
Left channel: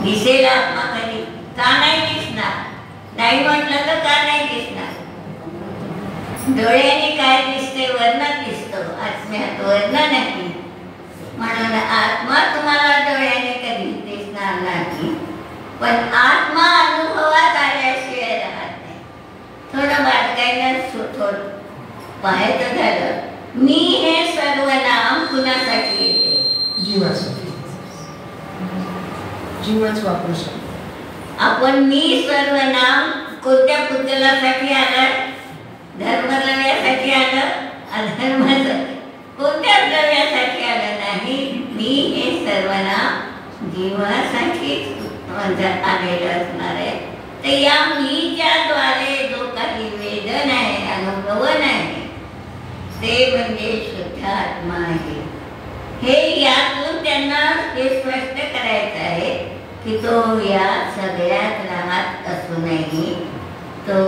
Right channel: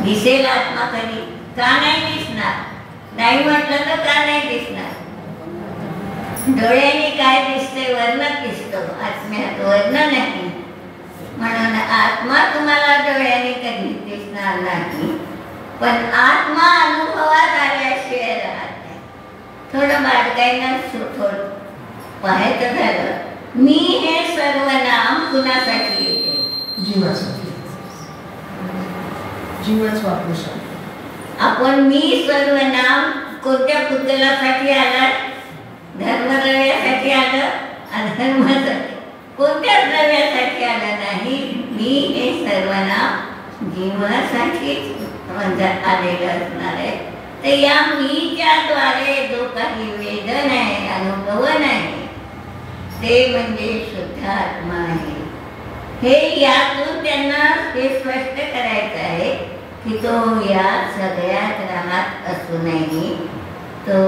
दिसेल आत्मा कधी? का नाही दिसणार? नाही म्हटलं तर का नाही दिसणार? डोळ्याने काय दिसते? वर्ण दिसतो. आत्म्यात वर्ण नाही. म्हणून आत्मा तुम्हाला डोळ्याने कधी दिसणार नाही. पण आत्मा अनुभवात आल्याशिवाय राहत नाही. थोडं बारकाईनं थोडं पाहायचं झालं. मी हे सर्व नाम कुणासाठी येते? जीवासाठी. जीवच वापरू शकतो. आपण मी सर्व नाम कोणत्या पुतळ्यासाठी आलं? धर्मद्रव्यासाठी आलं? अधर्मासाठी कोणत्या द्रव्यासाठी आलं नाही. मी हे सर्व नाम जीवासाठी आलेलं असणार आहे. तर या मीच्या द्वारे जो काही वेदन आहे, अनुभवन आहे, ते म्हणजे शुद्ध आत्मा आहे. हे यातून त्यांना हे स्पष्ट करायचं आहे की तो या सगळ्यात राहत असूनही तो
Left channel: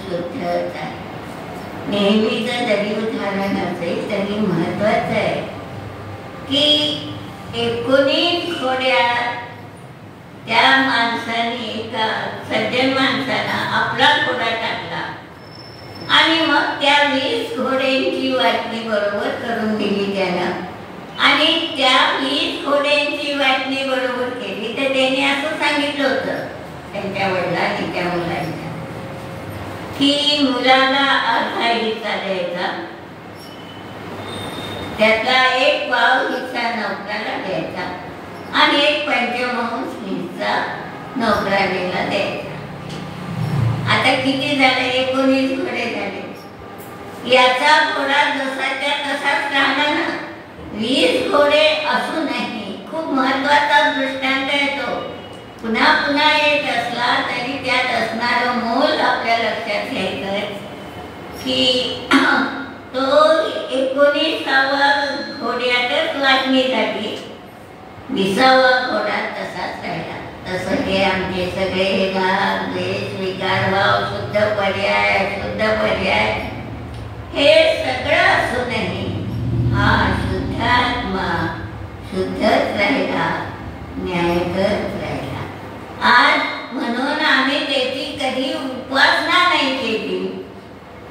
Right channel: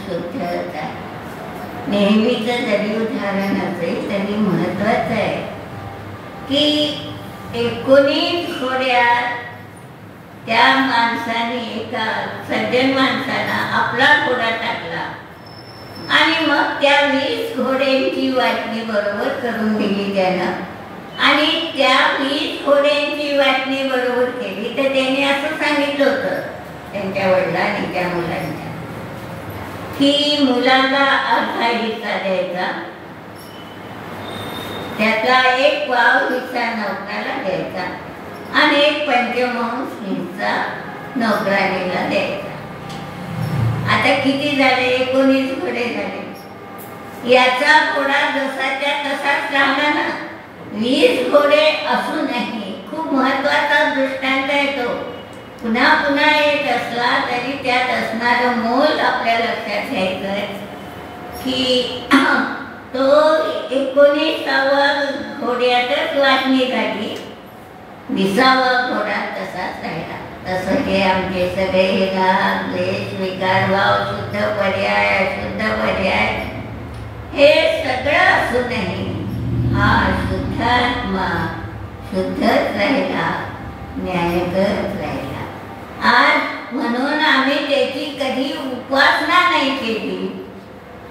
शुद्धच आहे. नेहमीचं जरी उदाहरण असेल तरी महत्वाचं आहे की 19 घोड्या त्या माणसाने, एका सज्जन माणसाला आपला घोडा टाकला आणि मग त्या 20 घोड्यांची वाटणी बरोबर करून दिली त्यानं. आणि त्या 20 घोड्यांची वाटणी बरोबर केली तर त्यांनी असं सांगितलं होतं त्यांच्या वडिलांनी त्या मुलांच्या की मुलाला अर्धा हिस्सा द्यायचा, त्यातला 1 पाव हिस्सा नोकराला द्यायचा आणि 1 पंचमांश हिस्सा नोकराणीला द्यायचा. आता किती झाले? 19 घोडे झाले. याचा घोडा जसाच्या तसाच राहणार ना. 20 घोडे असूनही खूप महत्वाचा दृष्टांत आहे तो. पुन्हा पुन्हा येत असला तरी त्यात असणारं मोल आपल्या लक्षात घ्यायचं आहे की तो 19व्या घोड्यातच वाटणी झाली. 20वा घोडा तसाच राहिला. तसं हे आमचे सगळे हे राग, द्वेष, विकार, भाव, शुद्ध पर्याय, अशुद्ध पर्याय हे सगळं असूनही हा शुद्धात्मा शुद्धच राहिला, न्यायगत राहिला. आज म्हणून आम्ही त्याची कधी उपासना नाही केली,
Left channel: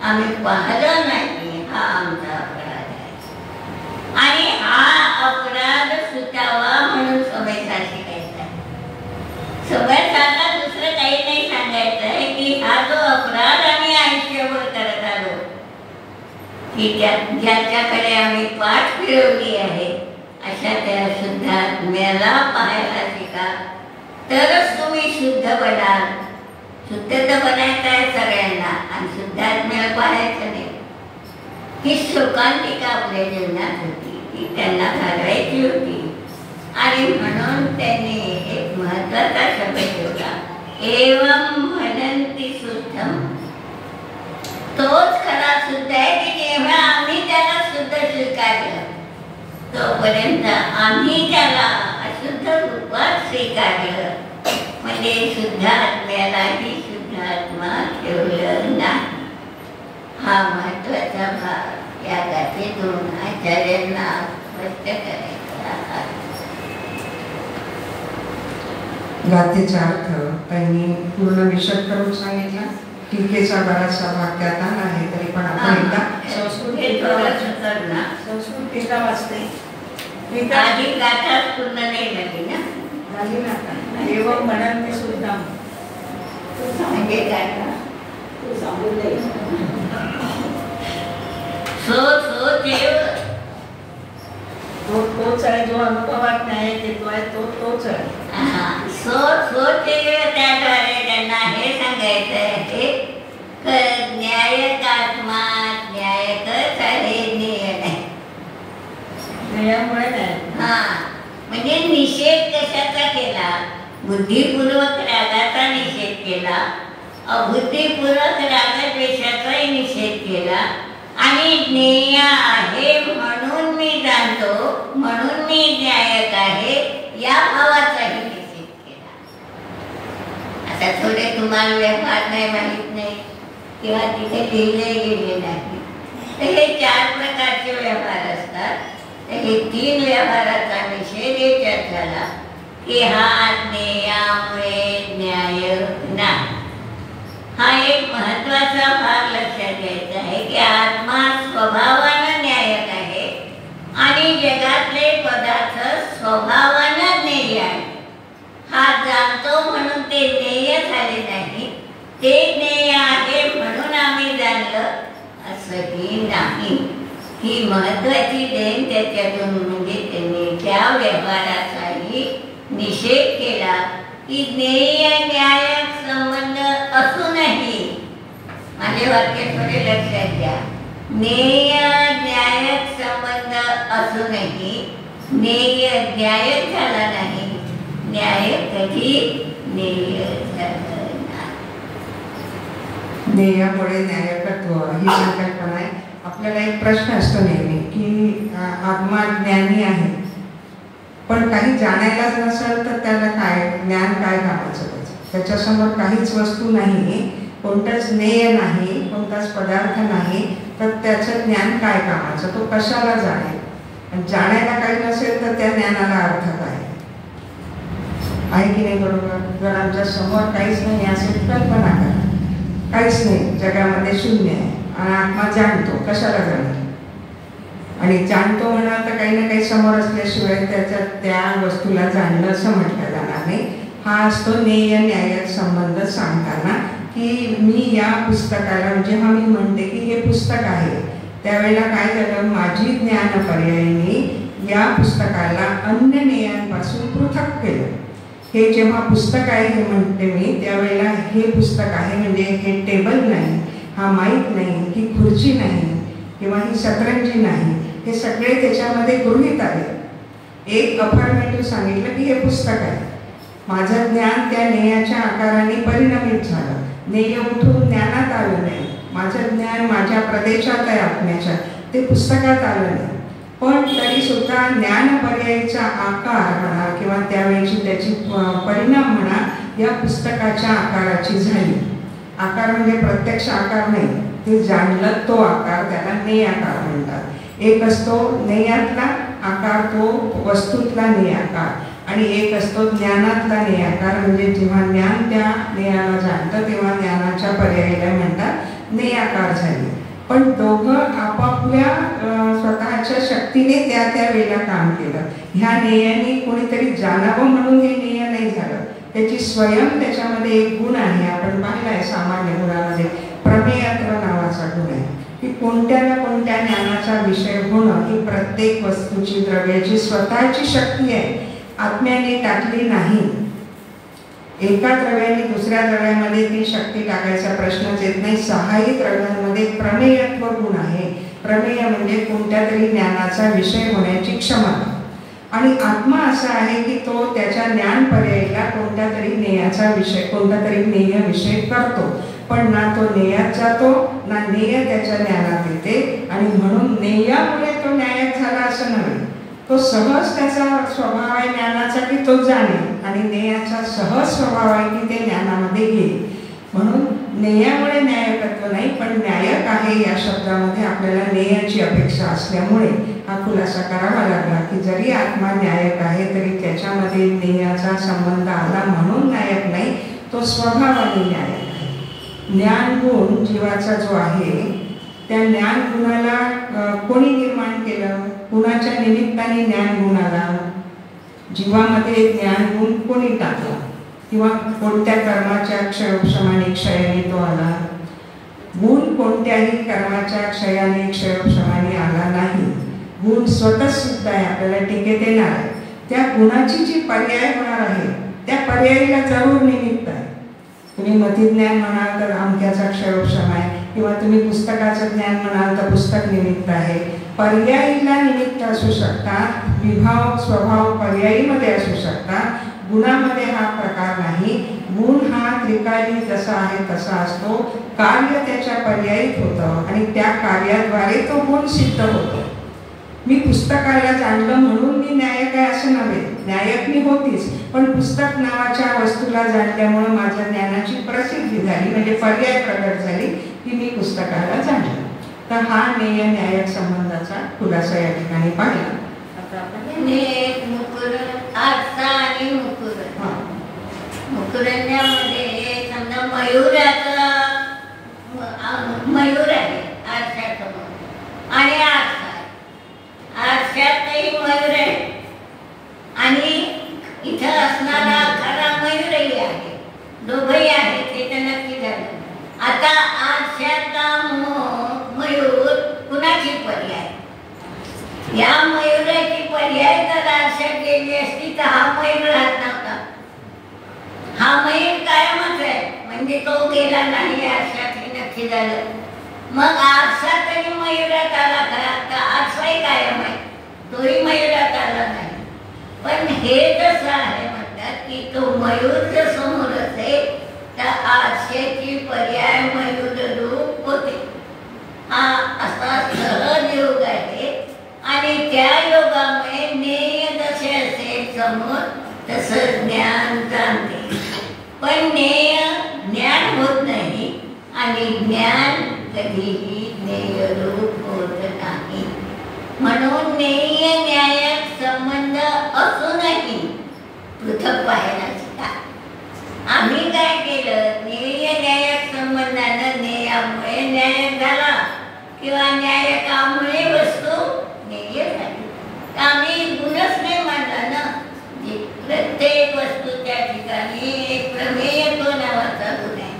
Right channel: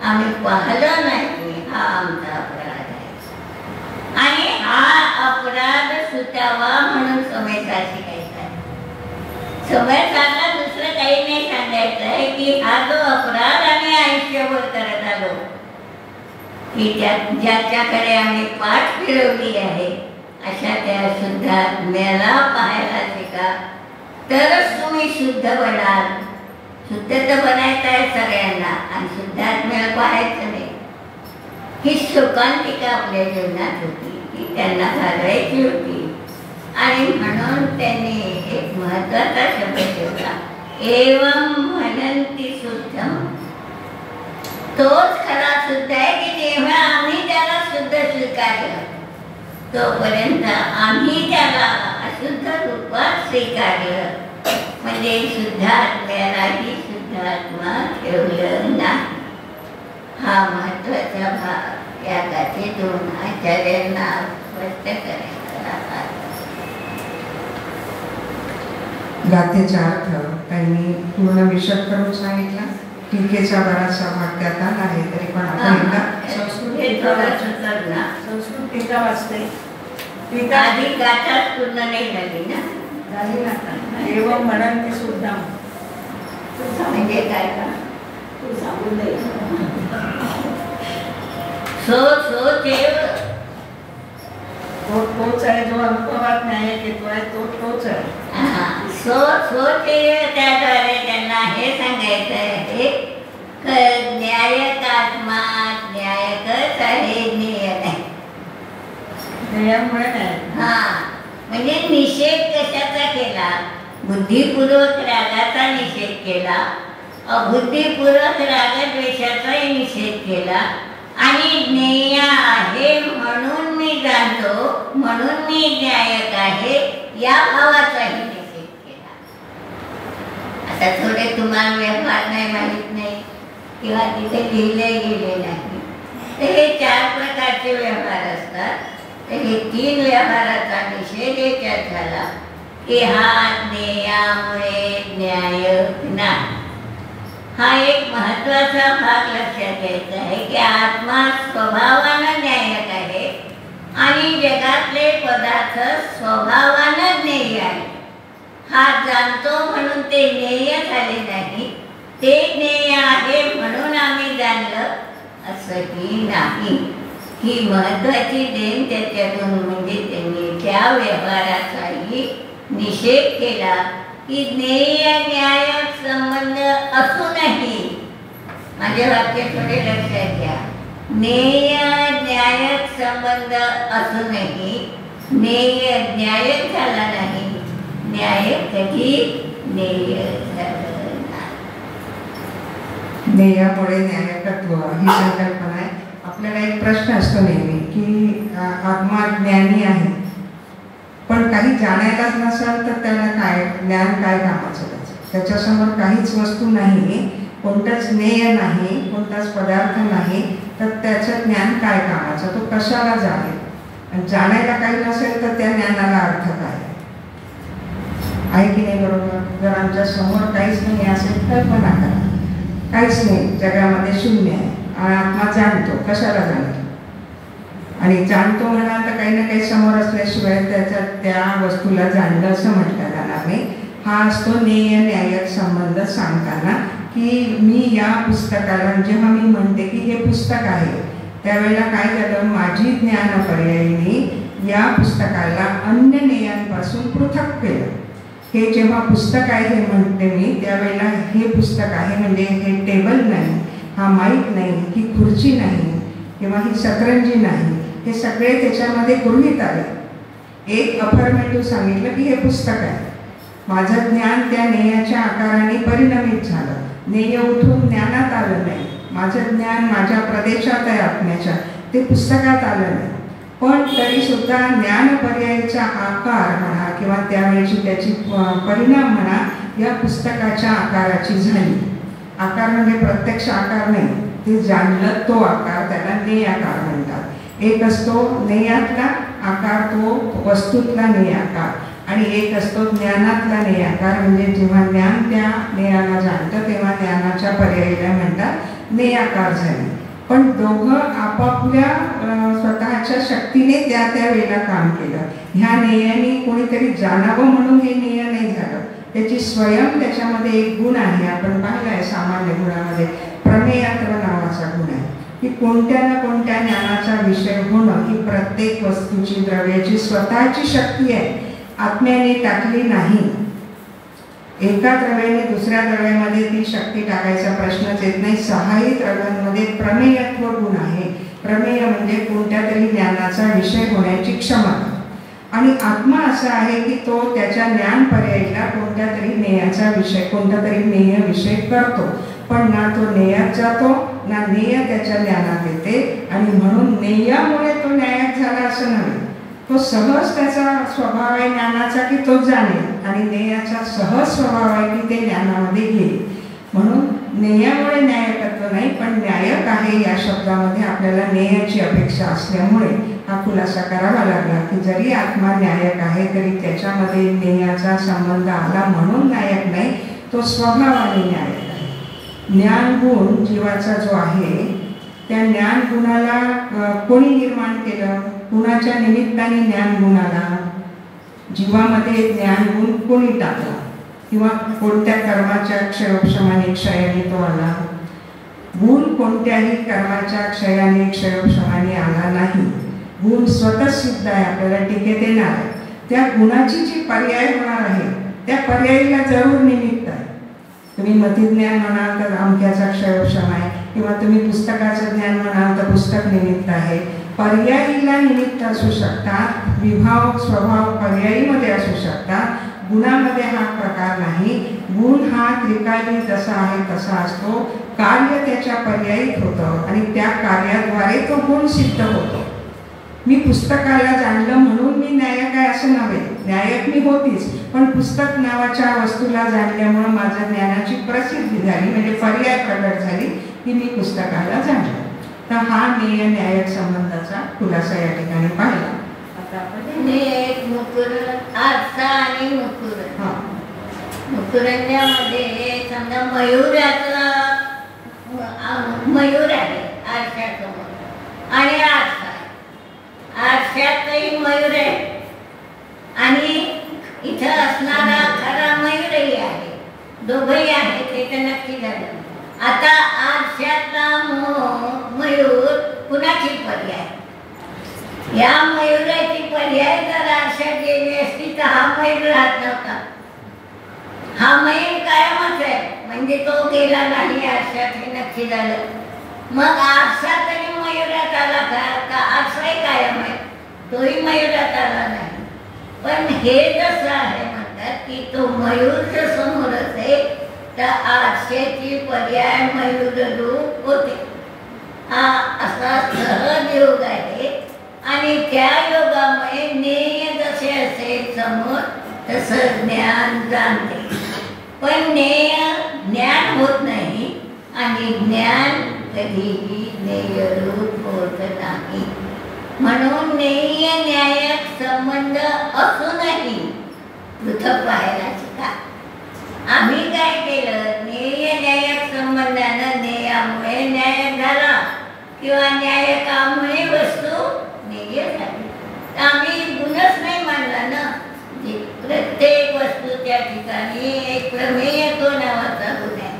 आम्ही पाहिलं नाही. हा आमचा अपराध आहे. आणि हा अपराध सुटावा म्हणून समयचा शिकायचा आहे. समयसाला दुसरं काही नाही सांगायचं आहे की हा जो अपराध आम्ही आयुष्यभर करत आलो की ज्याच्याकडे आम्ही पाठ फिरवली आहे अशा त्या शुद्ध आत्म्याला पाहायला शिका. तरच तुम्ही शुद्ध बनाल. शुद्ध तर बनायचं आहे सगळ्यांना आणि शुद्ध आत्म्याला पाहायचं नाही. ही शोकांतिका आपल्या जीवनात होती, ती त्यांना घालवायची होती. आणि म्हणून त्यांनी एक महत्वाचा शब्द ठेवला, एवं म्हणंती शुद्धम. तोच खरा शुद्ध आहे की जेव्हा आम्ही त्याला शुद्ध स्वीकारलं तोपर्यंत आम्ही त्याला अशुद्ध रूपात स्वीकारलं. म्हणजे शुद्ध आत्म्यालाही शुद्ध आत्मा ठेवलं नाही. हा महत्वाचा भाग या गाथेतून आचार्यांना स्पष्ट करायचा आहे. गाथेचा अर्थ त्यांनी पूर्ण विशद करून सांगितला. टीकेचा बराचसा भाग त्यात आला आहे तरी पण आपण एकदा संस्कृत टीका वाचते. आधी गाथा पूर्ण नाही झाली ना. झाली ना. एवं म्हणून ते सुद्धा म्हणजे काय का तू सांगून दे. तोच आहे जो अनुभवात नाही येतो आहे तोच आहे. सो न्यायक आत्मा न्यायकच आहे, ज्ञेय नाही. ध्येयामुळे नाही. हा, म्हणजे निषेध कशाचा केला? बुद्धिपूर्वक रागाचा निषेध केला, अबुद्धिपूर्वक रागद्वेषाचाही निषेध केला, आणि ज्ञेय आहे म्हणून मी जाणतो, म्हणून मी न्यायक आहे या भावाचाही निषेध केला. आता थोडे तुम्हाला व्यवहार नाही, माहीत नाही किंवा तिथे लिहिले गेले नाही, तर हे 4 प्रकारचे व्यवहार असतात. तर हे 3 व्यवहाराचा निषेध याच्यात झाला की हा ज्ञेयामुळे न्याय नाही. हा एक महत्वाचा भाग लक्षात घ्यायचा आहे की आत्मा स्वभावानं न्यायक आहे आणि जगातले पदार्थ स्वभावानं ज्ञेय आहे. हा जाणतो म्हणून ते ज्ञेय झाले नाही, ते ज्ञेय आहे म्हणून आम्ही जाणलं असंही नाही. ही महत्वाची देण त्याच्यातून, म्हणजे त्यांनी त्या व्यवहाराचाही निषेध केला की ज्ञेय न्यायक संबंध असूनही, माझे वाक्य थोडे लक्षात घ्या, ज्ञेय न्यायक संबंध असूनही ज्ञेय न्यायक झाला नाही, न्याय कधी ज्ञेय झालं नाही. ज्ञेयामुळे न्यायकत्व ही संकल्पना आहे. आपल्याला एक प्रश्न असतो नेहमी की आत्मा ज्ञानी आहे, पण काही जाणायलाच नसेल तर त्याला काय ज्ञान, काय कामाचं त्याचं? त्याच्यासमोर काहीच वस्तू नाही, कोणतंच ज्ञेय नाही, कोणताच पदार्थ नाही, तर त्याचं ज्ञान काय कामाचं? तो कशाला जाणेल? आणि जाणायला काही नसेल तर त्या ज्ञानाला अर्थ काय आहे की नाही? बरोबर. जर आमच्या समोर काहीच नाही असेल, कल्पना करा, काहीच नाही, जगामध्ये शून्य आहे, आणि आत्मा जाणतो, कशाला जाणतो? आणि जाणतो म्हणा तर काही ना काही समोर असल्याशिवाय त्याच्यात त्या वस्तूला जाणलं असं म्हटलं जाणार नाही. हा असतो ज्ञेय न्यायक संबंध सांगताना की मी या पुस्तकाला, म्हणजे हा मी म्हणते की हे पुस्तक आहे, त्यावेळेला काय केलं, माझी ज्ञान पर्यायी या पुस्तकाला अन्य ज्ञेयांपासून पृथक केलं. हे जेव्हा पुस्तक आहे हे म्हणते मी, त्यावेळेला हे पुस्तक आहे म्हणजे हे टेबल नाही, हा माईक नाही, ही खुर्ची नाही किंवा ही सतरंजी नाही, हे सगळे त्याच्यामध्ये गृहीत आले. एक अफर्मेटिव्ह सांगितलं की हे पुस्तक आहे. माझं ज्ञान त्या ज्ञेयाच्या आकाराने परिणमित झालं, ज्ञेय उठून ज्ञानात आलं नाही. माझं ज्ञान माझ्या प्रदेशात आहे आत्म्याच्या, ते पुस्तकात आलं नाही. पण तरीसुद्धा ज्ञान पर्यायीचा आकार म्हणा किंवा त्यावेळेची त्याची परिणाम म्हणा या पुस्तकाच्या आकाराची झाली. आकार म्हणजे प्रत्यक्ष आकार नाही, ते जाणलं तो आकार, त्याला ज्ञेयाकार म्हणतात. एक असतो ज्ञेयातला आकार, तो वस्तूतला ज्ञेयाकार, आणि एक असतो ज्ञानातला ज्ञेयाकार, म्हणजे जेव्हा ज्ञान त्या ज्ञेयाला जाणतं तेव्हा ज्ञानाच्या पर्यायाला म्हणतात ज्ञेयाकार झाली. पण दोघं आपापल्या स्वतःच्या शक्तीने त्या त्या वेळेला काम केलं. ह्या ज्ञेयाने कोणीतरी जाणावं म्हणून हे ज्ञेय नाही झालं, त्याची स्वयं त्याच्यामध्ये एक गुण आहे. आपण पाहिलं आहे सामान्य गुणामध्ये प्रमेयत्व नावाचा गुण आहे की कोणत्या ना कोणत्या ज्ञानाचा विषय होणं ही प्रत्येक वस्तूची, द्रव्याची स्वतःची शक्ती आहे, आत्म्याने टाकली नाही. एका द्रव्याने दुसऱ्या द्रव्यामध्ये ती शक्ती टाकायचा प्रश्नच येत नाही. 6ही द्रव्यांमध्ये प्रमेयत्व गुण आहे. प्रमेय म्हणजे कोणत्या तरी ज्ञानाचा विषय होण्याची क्षमता, आणि आत्मा असा आहे की तो त्याच्या ज्ञान पर्यायीला कोणत्या तरी ज्ञेयाचा विषय, कोणता तरी ज्ञेय विषय करतो, पण ना तो ज्ञेयात जातो ना ज्ञेय त्याच्या ज्ञानात येते, आणि म्हणून ज्ञेयामुळे तो न्यायक झाला असं नव्हे. तो सहज त्याचा स्वभाव आहे ज्ञानाचा की तो जाणे, आणि ज्ञेयाचा सहज स्वभाव आहे की ते ज्ञानामध्ये येईल. म्हणून ज्ञेयामुळे न्यायकत्व नाही, पण न्यायक आहे या शब्दामध्ये आपल्याला ज्ञेयाची अपेक्षा असल्यामुळे हा खुलासा करावा लागला की जरी आत्मा न्यायक आहे तरी त्याच्यामध्ये ज्ञेयाचा संबंध आला म्हणून न्यायक नाही, तो स्वभावाने न्यायक आहे. ज्ञान गुण जीवाचा जो आहे त्या ज्ञान गुणाला कोणी निर्माण केलं, कुणाच्या निमित्ताने ज्ञान गुण आला, जीवामध्ये ज्ञान गुण कोणी टाकला, किंवा कोणत्या कर्माच्या क्षयोपशमाने क्षयाने तो आला. गुण कोणत्याही कर्माच्या क्षयाने क्षयोपशमाने आला नाही. गुण स्वतः सिद्ध आहे, आपल्याला टीकेत येणार आहे. त्या गुणाची जी पर्याय होणार आहे त्या पर्यायीला जरूर निमित्त आहे. तुम्ही मतिज्ञान म्हणाल तर अमक्याचा क्षयोक्षम आहे, किंवा तुम्ही पुस्तकाचं ज्ञान म्हणाल तर पुस्तक निमित्त आहे. पर्यायीला निमित्त असू शकतात, विभाव स्वभाव पर्यायीमध्ये असू शकतात. गुणामध्ये हा प्रकार नाही. गुण हा त्रिकाली जसा आहे तसा असतो. कार्य त्याच्या पर्यायीत होतं आणि त्या कार्याद्वारे तो गुण सिद्ध होतो. मी पुस्तकाला जाणलं म्हणून मी न्यायक आहे असं नव्हे. न्यायक मी होतीच, पण पुस्तक नावाच्या वस्तूला जाणल्यामुळं माझ्या ज्ञानाची प्रसिद्धी झाली, म्हणजे पर्याय प्रगट झाली की मी पुस्तकाला जाणलं. तर हा नेय न्यायक संबंधाचा खुलासा या ठिकाणी पाहिला. आता आपण आरसा आणि मुकुरण्यामध्ये समजा मयूराचा मयूर आहे आरशासमोर आणि आरसा आहे. आरशातही मयूर आहे आणि इथं असणारा खरा मयूरही आहे. दोघंही आहे ते तर नक्की झालं. आता आरशातला मयूर कुणाची पर्याय? या मयुराची पर्याय जर आरशात गेली असती तर हा मयूर राहत नव्हता. हा मयूर कायमच आहे, म्हणजे तो गेला नाही आरशात, हे नक्की झालं. मग आरसा तरी मयुरात आला का? आरसाही कायम आहे, तोही मयुरात आला नाही. पण हे जसं आहे म्हणतात की तो मयूर जर समोर असेल तर आरशाची पर्याय मयूर रूप होते. हा असा सहज योग आहे आणि त्या योगामुळे नेय जसे असेल समोर तसं ज्ञान जाणते. पण नेय ज्ञान होत नाही आणि ज्ञान कधीही नेय रूप होत नाही. म्हणून नेय न्यायक संबंध असूनही पृथक पाहायला शिका. आम्ही काय केलं, नेय न्यायक संबंधानं नेयामुळे न्यायक झाला किंवा न्यायकामुळे वस्तू नेय झाली. आम्ही गुणच नाही मानला ना. प्रत्येक वस्तूच्या ठिकाणी एक प्रमेय तो नावाचा गुण आहे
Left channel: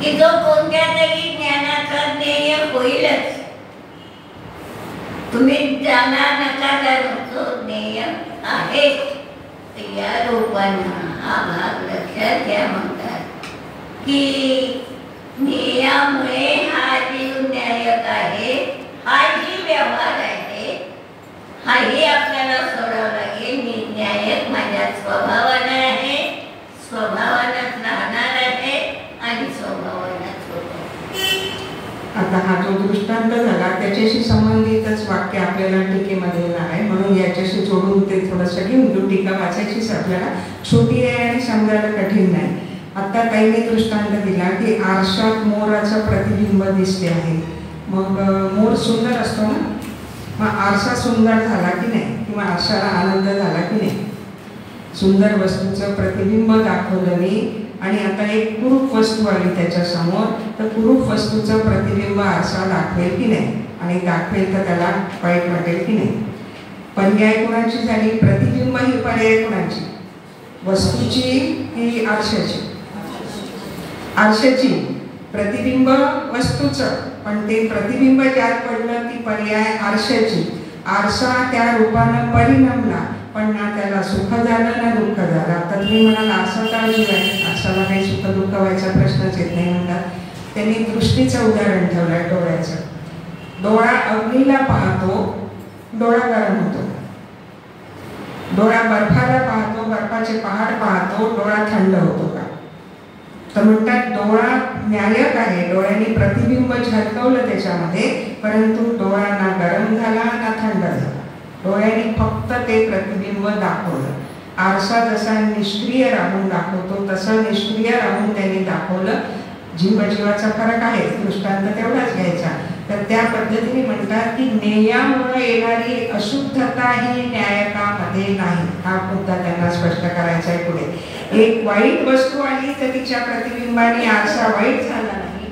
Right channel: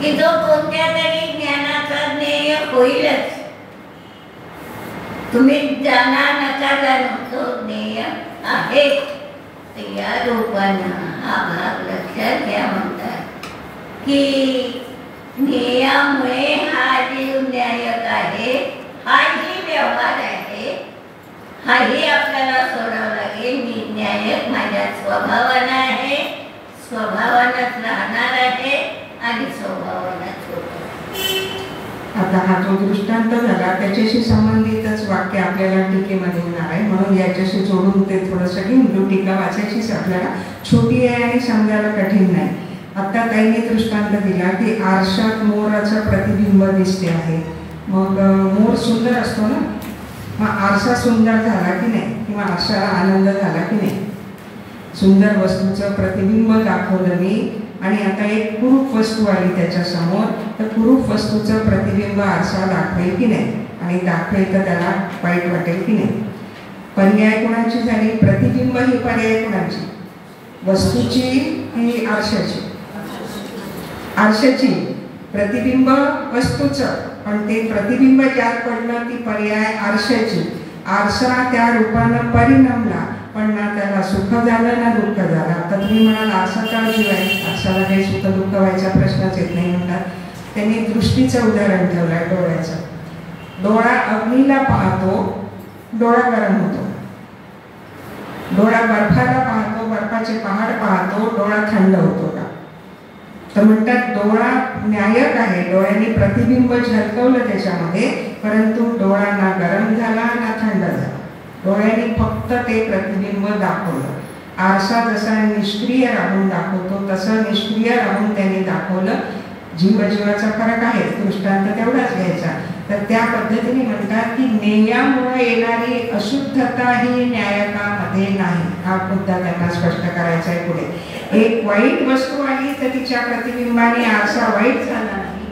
की जो कोणत्या तरी ज्ञानाचा ज्ञेय होईलच. तुम्ही जाणा नका जाणू, तो ज्ञेय आहे. या रूपानं हा भाग लक्षात घ्या. म्हणतात की ज्ञेयामुळे हा जीव न्यायक आहे, हाही व्यवहार आहे, हाही आपल्याला सोडावं लागेल. मी न्यायक माझ्या स्वभावानं आहे, स्वभावानंच राहणार आहे आणि स्वभावानंच होतो. आता हा जो दृष्टांत झाला त्याच्याशी संबंधितच वाक्य आपल्याला टीकेमध्ये येणार आहे, म्हणून याच्याशी जोडून ते थोडंसं घेऊन घेऊ. टीका वाचायचीच आपल्याला, छोटी आहे आणि समजायला कठीण नाही. आता ताईने दृष्टांत दिला की आरशात मोराचं प्रतिबिंब दिसते आहे. मग मोर सुंदर असतो ना, मग आरसा सुंदर झाला की नाही, किंवा आरशाला आनंद झाला की नाही? सुंदर वस्तूचं प्रतिबिंब दाखवलं मी आणि आता एक कुरूप वस्तू आली त्याच्यासमोर, तर कुरूप वस्तूचं प्रतिबिंब आरसा दाखवेल की नाही? आणि दाखवेल तर त्याला वाईट वाटेल की नाही? पर्याय कोणाची झाली? प्रतिबिंब ही पर्याय कोणाची? वस्तूची की आरशाची? आरशाची. प्रतिबिंब वस्तूचं, पण ते प्रतिबिंब ज्यात पडलं ती पर्याय आरशाची. आरसा त्या रूपानं परिणमला, पण ना त्याला सुख झालं ना दुःख झालं. आता तुम्ही म्हणाल आरसा का जीव आहे, आरसाला काही सुख दुःख व्हायचा प्रश्नच येत नाही म्हणतात. त्यांनी दृष्टीचं उदाहरण ठेवलं डोळ्याचं. डोळा अग्नीला पाहतो, डोळा गरम होतो. डोळा बर्फाला पाहतो, बर्फाचे पहाड पाहतो, डोळा थंड होतो का? तर म्हणतात डोळा न्यायक आहे, डोळ्यांनी प्रतिबिंब झलकवलं त्याच्यामध्ये, परंतु डोळा ना गरम झाला ना थंड झाला. डोळ्यांनी फक्त ते प्रतिबिंब दाखवलं. आरसा जसा निष्क्रिय राहून दाखवतो तसं निष्क्रिय राहून त्यांनी दाखवलं. जीवाचा फरक आहे, दृष्टांत तेवढाच घ्यायचा. तर त्या पद्धतीने म्हणतात की नेयामुळे येणारी अशुद्धता ही न्यायकामध्ये नाही. हा मुद्दा त्यांना स्पष्ट करायचा आहे पुढे. एक वाईट वस्तू आली तर तिच्या प्रतिबिंबाने आरसा वाईट झाला नाही,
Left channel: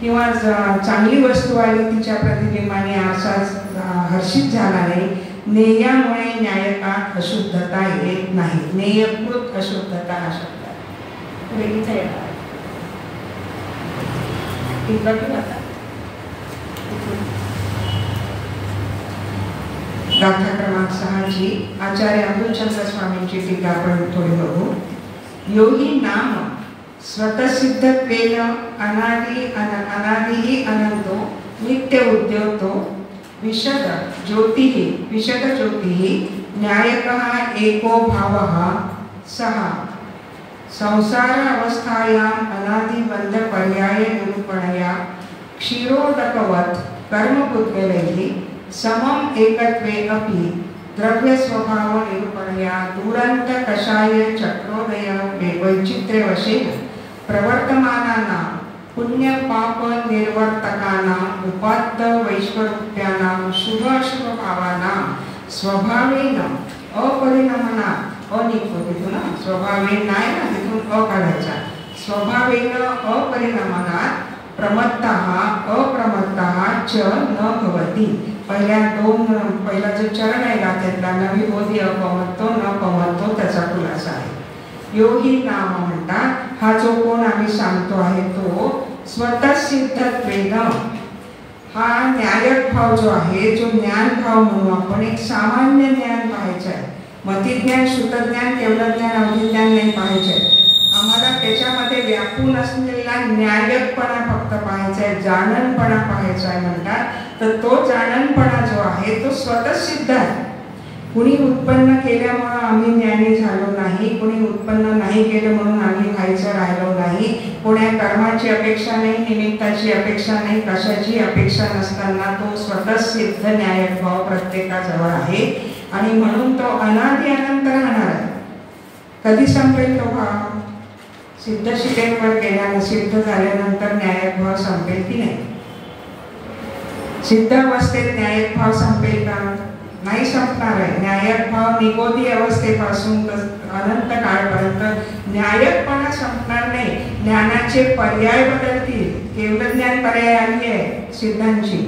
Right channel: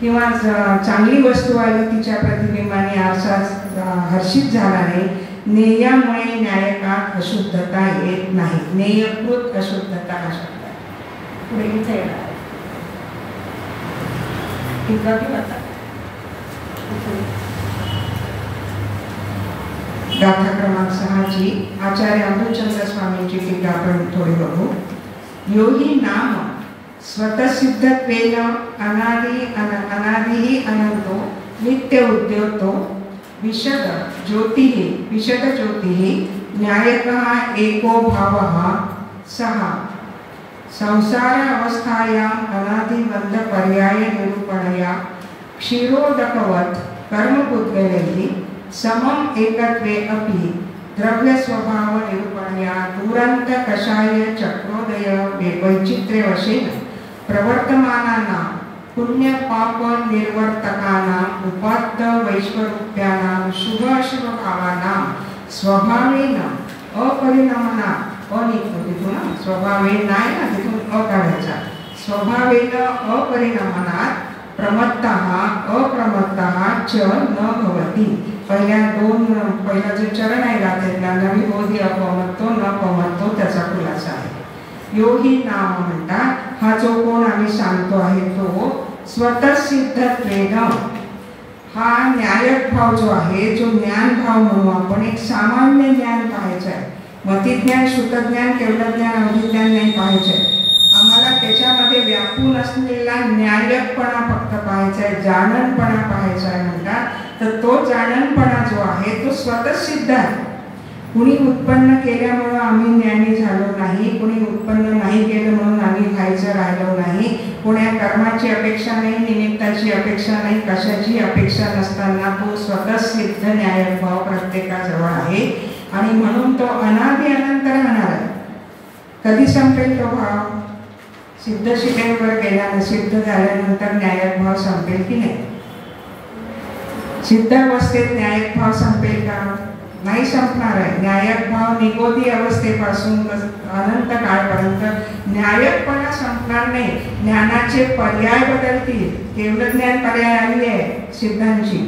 किंवा चांगली वस्तू आली तिच्या प्रतिबिंबाने आरसा हर्षित झाला नाही. नेयामुळे न्यायकात अशुद्धता येत नाही. नेयकृत अशुद्धता हा शब्द पुढे इथे येणार आहे. गाथा क्रमांक 6 ची आचार्य अमृतचंद्र स्वामींची टीका आपण थोडी बघू. योही नाम स्वतःसिद्धत्वेन अनादिः अनंतो नित्य उद्योतो विशद ज्योतिः न्यायकः एको भावः सः संसार अवस्थायाम् अनादिबंध पर्याय निरूपणया क्षीरोदकवत् कर्मपुद्गलैः समम् एकत्वे अपि द्रव्य स्वभाव निरूपणया दुरंत कषाय चक्रोदय वैचित्र्यवशेन प्रवर्तमानानां पुण्य पाप निर्वर्तकानां उपात्त वैश्वरूप्यानां शुभ अशुभ भावानां स्वभावेन अपरिणमना तिथून स्वभावेन नाही ना तिथून काढायचा स्वभावेन अपरिणमनात् प्रमत्तः अप्रमत्तः च न भवति. पहिला जो चरण आहे गाथेतला नवी बोधी अपमत्तो न पमत्तो त्याचा खुलासा आहे. यो ही नाम म्हणतात हा जो कोण आम्ही सांगतो आहे तो स्वतःसिद्धत्वेन हा न्यायक भाव जो आहे जो ज्ञान भाव म्हणू आपण एक सामान्य ज्ञान पाहायचं आहे. मतिज्ञान श्रुतज्ञान केवलज्ञान अवधिज्ञान नाही पाहायचे. आम्हाला त्याच्यामध्ये व्यापून असलेला न्यायकपणा फक्त पाहायचा आहे जाणणपणा पाहायचा आहे म्हणतात. तर तो जाणणपणा जो आहे तो स्वतःसिद्ध आहे. कुणी उत्पन्न केल्यामुळं आम्ही ज्ञानी झालो नाही, कुणी उत्पन्न नाही केलं म्हणून आम्ही व्हायचं राहिलो नाही, कोण्या कर्माची अपेक्षा नाही, निमित्ताची अपेक्षा नाही, कशाची अपेक्षा नसताना तो स्वतःसिद्ध न्यायक भाव प्रत्येकाजवळ आहे आणि म्हणून तो अनादि अनंत राहणार आहे. कधी संपेल तो भाव? सिद्ध शिलेवर गेल्यानं सिद्ध झाल्यानंतर न्यायक भाव संपेल की नाही? सिद्ध अवस्थेत न्यायक भाव संपेल का? नाही संपणार आहे. न्यायक भाव निगोदी अवस्थेपासून अनंत काळपर्यंत न्यायकपणा संपणार नाही. ज्ञानाचे पर्याय बदलतील. केवळ ज्ञान पर्याय आली आहे सिद्धांची,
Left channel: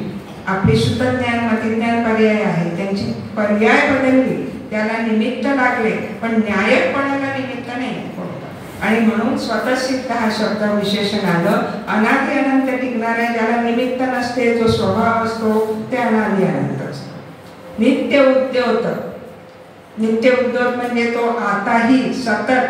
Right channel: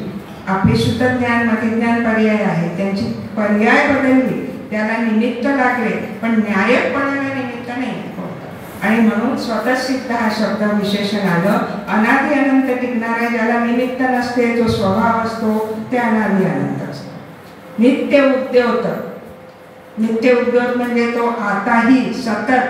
आपली शुद्ध ज्ञान मतिज्ञान पर्याय आहे, त्यांची पर्याय बदलली, त्याला निमित्त लागले पण न्यायकपणाला निमित्त नाही. आणि म्हणून स्वतःसिद्ध हा शब्द विशेषण आलं. अनादि अनंत टिकणार आहे, ज्याला निमित्त नसते, जो स्वभाव असतो ते अनादि अनंत असतो. नित्य उद्योत म्हणजे तो आताही सतत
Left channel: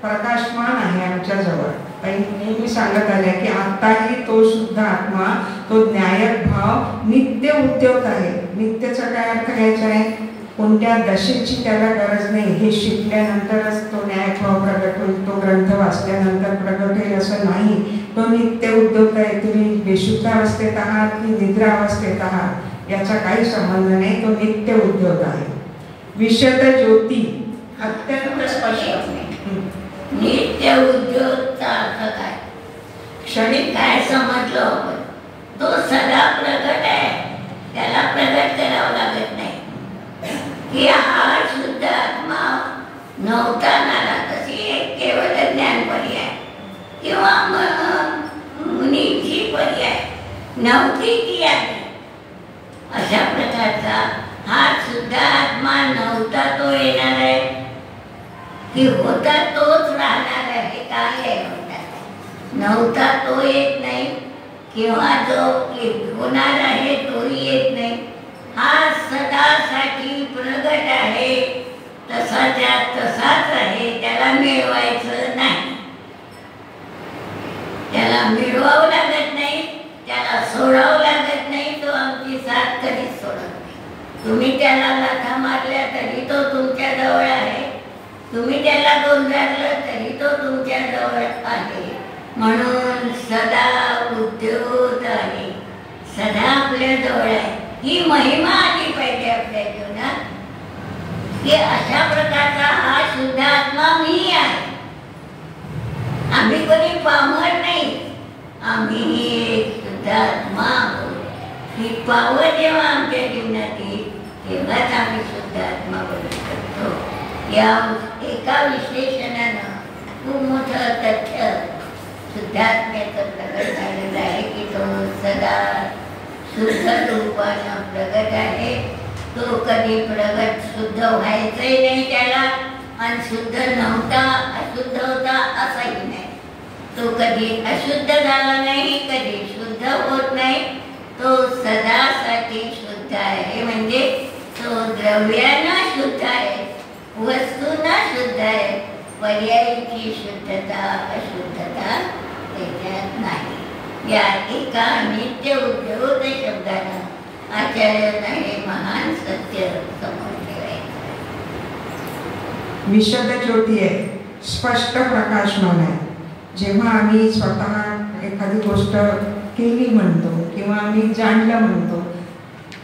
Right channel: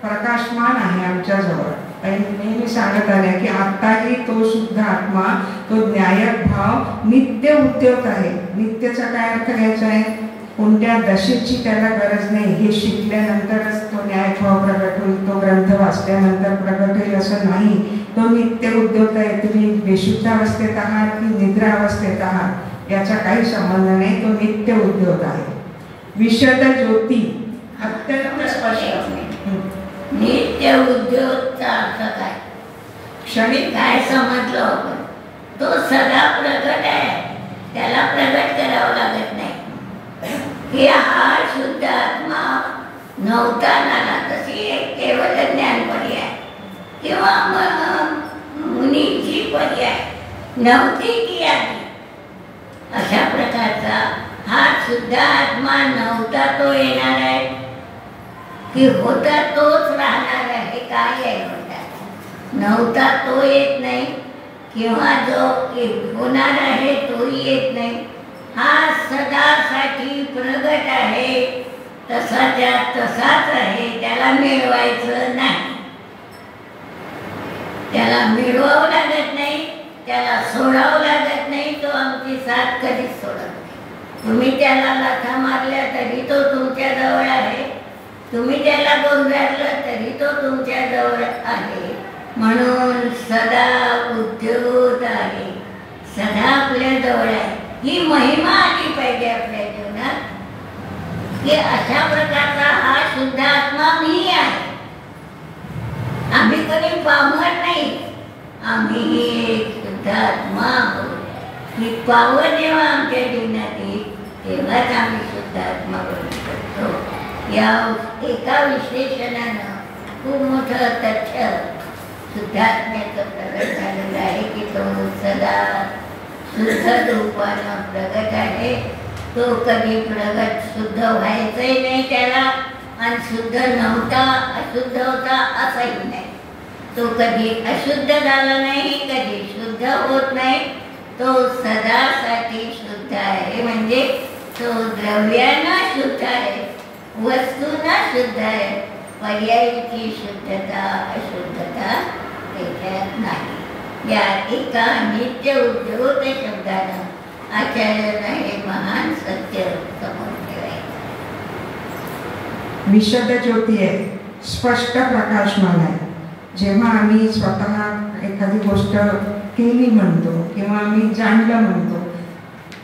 प्रकाशमान आहे आमच्या जवळ. नेहमी सांगत आले की आताही तो शुद्ध आत्मा तो न्यायक भाव नित्य उद्योत आहे. नित्यचा काय अर्थ घ्यायचा आहे? कोणत्या दशेची त्याला गरज नाही. हे शिकल्यानंतरच तो न्यायक भाव प्रगट होईल, तो ग्रंथ वाचल्यानंतर प्रगट होईल असं नाही. तो नित्य उद्योत आहे. तुम्ही बेशुद्ध अवस्थेत आहात की निद्रा अवस्थेत आहात याचा काही संबंध नाही. तो नित्य उद्योग आहे. विशद ज्योती अत्यंत स्पष्ट. नित्य उद्योगचा अर्थ काय? क्षणिक काय समजलो आपण? तो सदा प्रगट आहे, त्याला प्रगट करावं लागत नाही. की हा शुद्ध आत्मा नव्हता नाला तशी एक केवळ ज्ञान पर्याय किंवा मुनीची पर्याय नव्हती की आधी. अशा प्रकारचा हा शुद्ध आत्मा नव्हता तो येणार आहे की होता तोच राहणार आहे? काय आहे होता? नव्हता तो येत नाही किंवा जो होणार आहे तोही येत नाही. हा सदासाठी प्रगट आहे, तसाच्या तसाच आहे. त्याला मिळवायचं नाही, त्याला मिळवावं लागत नाही, त्याला सोडावं लागत नाही. तो आमची साथ कधीच सोडत नाही. तुम्ही त्याला लाथा मारल्या तरी तो तुमच्या जवळ आहे, तुम्ही त्याला गोंजारलं तरी तो तुमच्या जवळ आहे. म्हणून सदा उद्योत आहे, सदा आपल्या जवळ आहे. ही महिमा आली पाहिजे आपल्या जीवनात की अशा प्रकारचा हा शुद्ध आत्मा मी आहे. आम्ही कोणी पामर नाही, आम्ही एक शुद्ध आत्मा आहोत. ही पावर जेव्हा आमच्या जीवनात येईल तेव्हाच आम्ही शुद्ध आत्मा बनू शकतो. या एका विश्लेषणानं खूप मोठं तथ्य शुद्धात्म्याचं प्रगट झालेलं आहे की तो सदा शुद्ध रूपानं प्रगट आहे. तो कधी प्रगट शुद्ध व्हायचंही नाही त्याला, आणि शुद्ध नव्हता अशुद्ध होता असंही नाही. तो कधी अशुद्ध झाला नाही, कधी शुद्ध होत नाही. तो सदासाठी शुद्ध आहे. म्हणजे तो द्रव्यानं शुद्ध आहे, वस्तूंना शुद्ध आहे, पर्यायीची शुद्धता अशुद्धता त्याच्यात नाही. या एका नित्य उद्योत शब्दानं आचार्यानं हे महान सत्य समोर ठेवायचं. विशद ज्योती आहे, स्पष्ट प्रकाशमान आहे. जेव्हा आम्ही स्वतः एखादी गोष्ट केली म्हणतो किंवा आम्ही जाणलं म्हणतो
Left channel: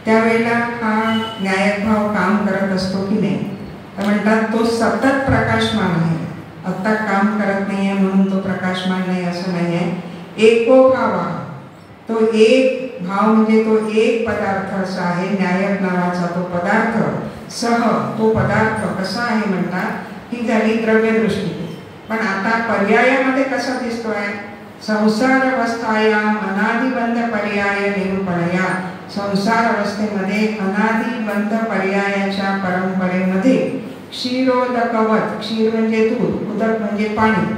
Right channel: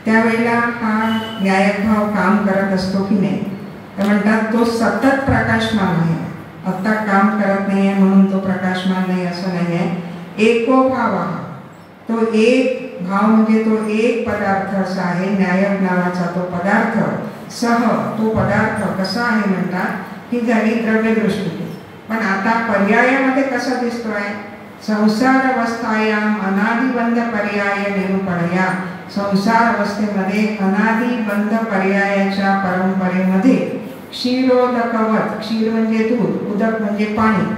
त्यावेळेला हा न्यायभाव काम करत असतो की नाही. तर म्हणतात तो सतत प्रकाशमान आहे. आत्ता काम करत नाही आहे म्हणून तो प्रकाशमान नाही असं नाही आहे. एको भाव हा तो एक भाव म्हणजे तो एक पदार्थ असा आहे. न्यायक नावाचा तो पदार्थ सह तो पदार्थ कसा आहे म्हणतात ही झाली द्रव्यदृष्टी. पण आता पर्यायामध्ये कसा दिसतोय, संसार अवस्थायाम अनादिबंध पर्याय निरूपणया. संसार अवस्थेमध्ये अनादिबंध पर्यायाच्या परंपरेमध्ये क्षीरोदकवत, क्षीर म्हणजे दूध, उदक म्हणजे पाणी,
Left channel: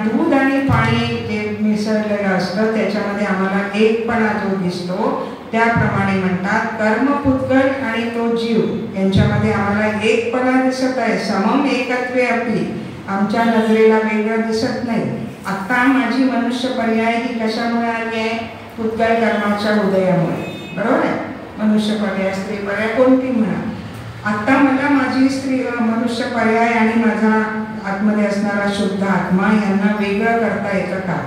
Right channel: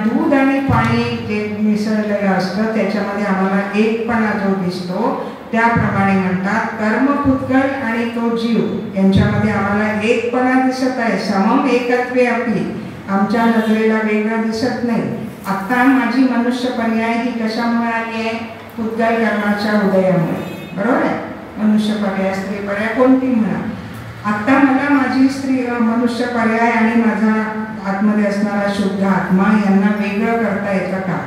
दूध आणि पाणी जे मिसळलेलं असतं त्याच्यामध्ये आम्हाला एकपणा जो दिसतो त्याप्रमाणे म्हणतात कर्मपुद्गल आणि तो जीव यांच्यामध्ये आम्हाला एकपणा दिसत आहे. समम एकत्वे अपि आमच्या नजरेला वेगळं दिसत नाही. आता माझी मनुष्य पर्याय ही कशामुळे आली आहे, पुद्गल कर्माच्या उदयामुळे. बरोबर आहे. मनुष्य पर्याय स्त्री पर्याय कोणती म्हणा. आता मला माझी स्त्री मनुष्य पर्याय आणि माझा आतमध्ये असणारा शुद्ध आत्मा यांना वेगळं करता येतं का,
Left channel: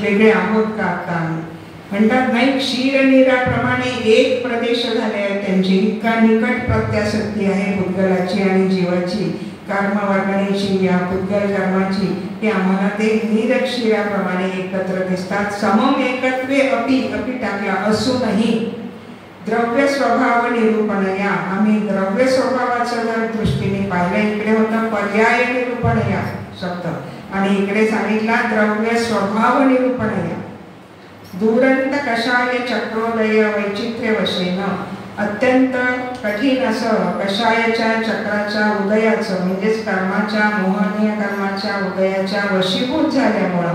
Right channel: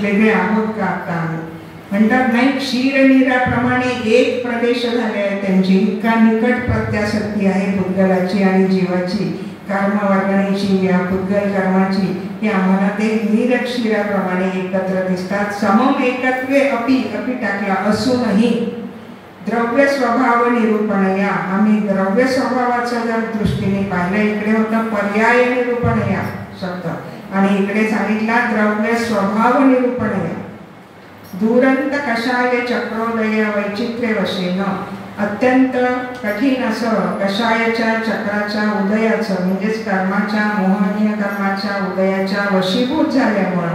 वेगळे आहोत का आता आम्ही. म्हणतात नाही, क्षीरनीराप्रमाणे एक प्रदेश झाले आहे त्यांची. इतका निकट प्रत्यासक्ती आहे पुद्गलाची आणि जीवाची, कर्मवर्गणीची या पुद्गल कर्माची की आम्हाला ते नीरक्षीराप्रमाणे एकत्र दिसतात. समम एकत्वे अपि टाकला असूनही द्रव्य स्वभाव निरूपणया. आम्ही द्रव्य स्वभावाचं जर दृष्टीने पाहिलं, इकडे होतं पर्याय निरूपणया शब्द आणि इकडे सांगितला द्रव्य स्वभाव निरूपणया. दुरंत कषाय चक्रोदय वैचित्र्य वशेन. अत्यंत कठीण असं कषायाच्या चक्राच्या उदयाचं म्हणजेच कर्माच्या मोहनीय कर्माच्या उदयाच्या वशीभूत झाल्यामुळं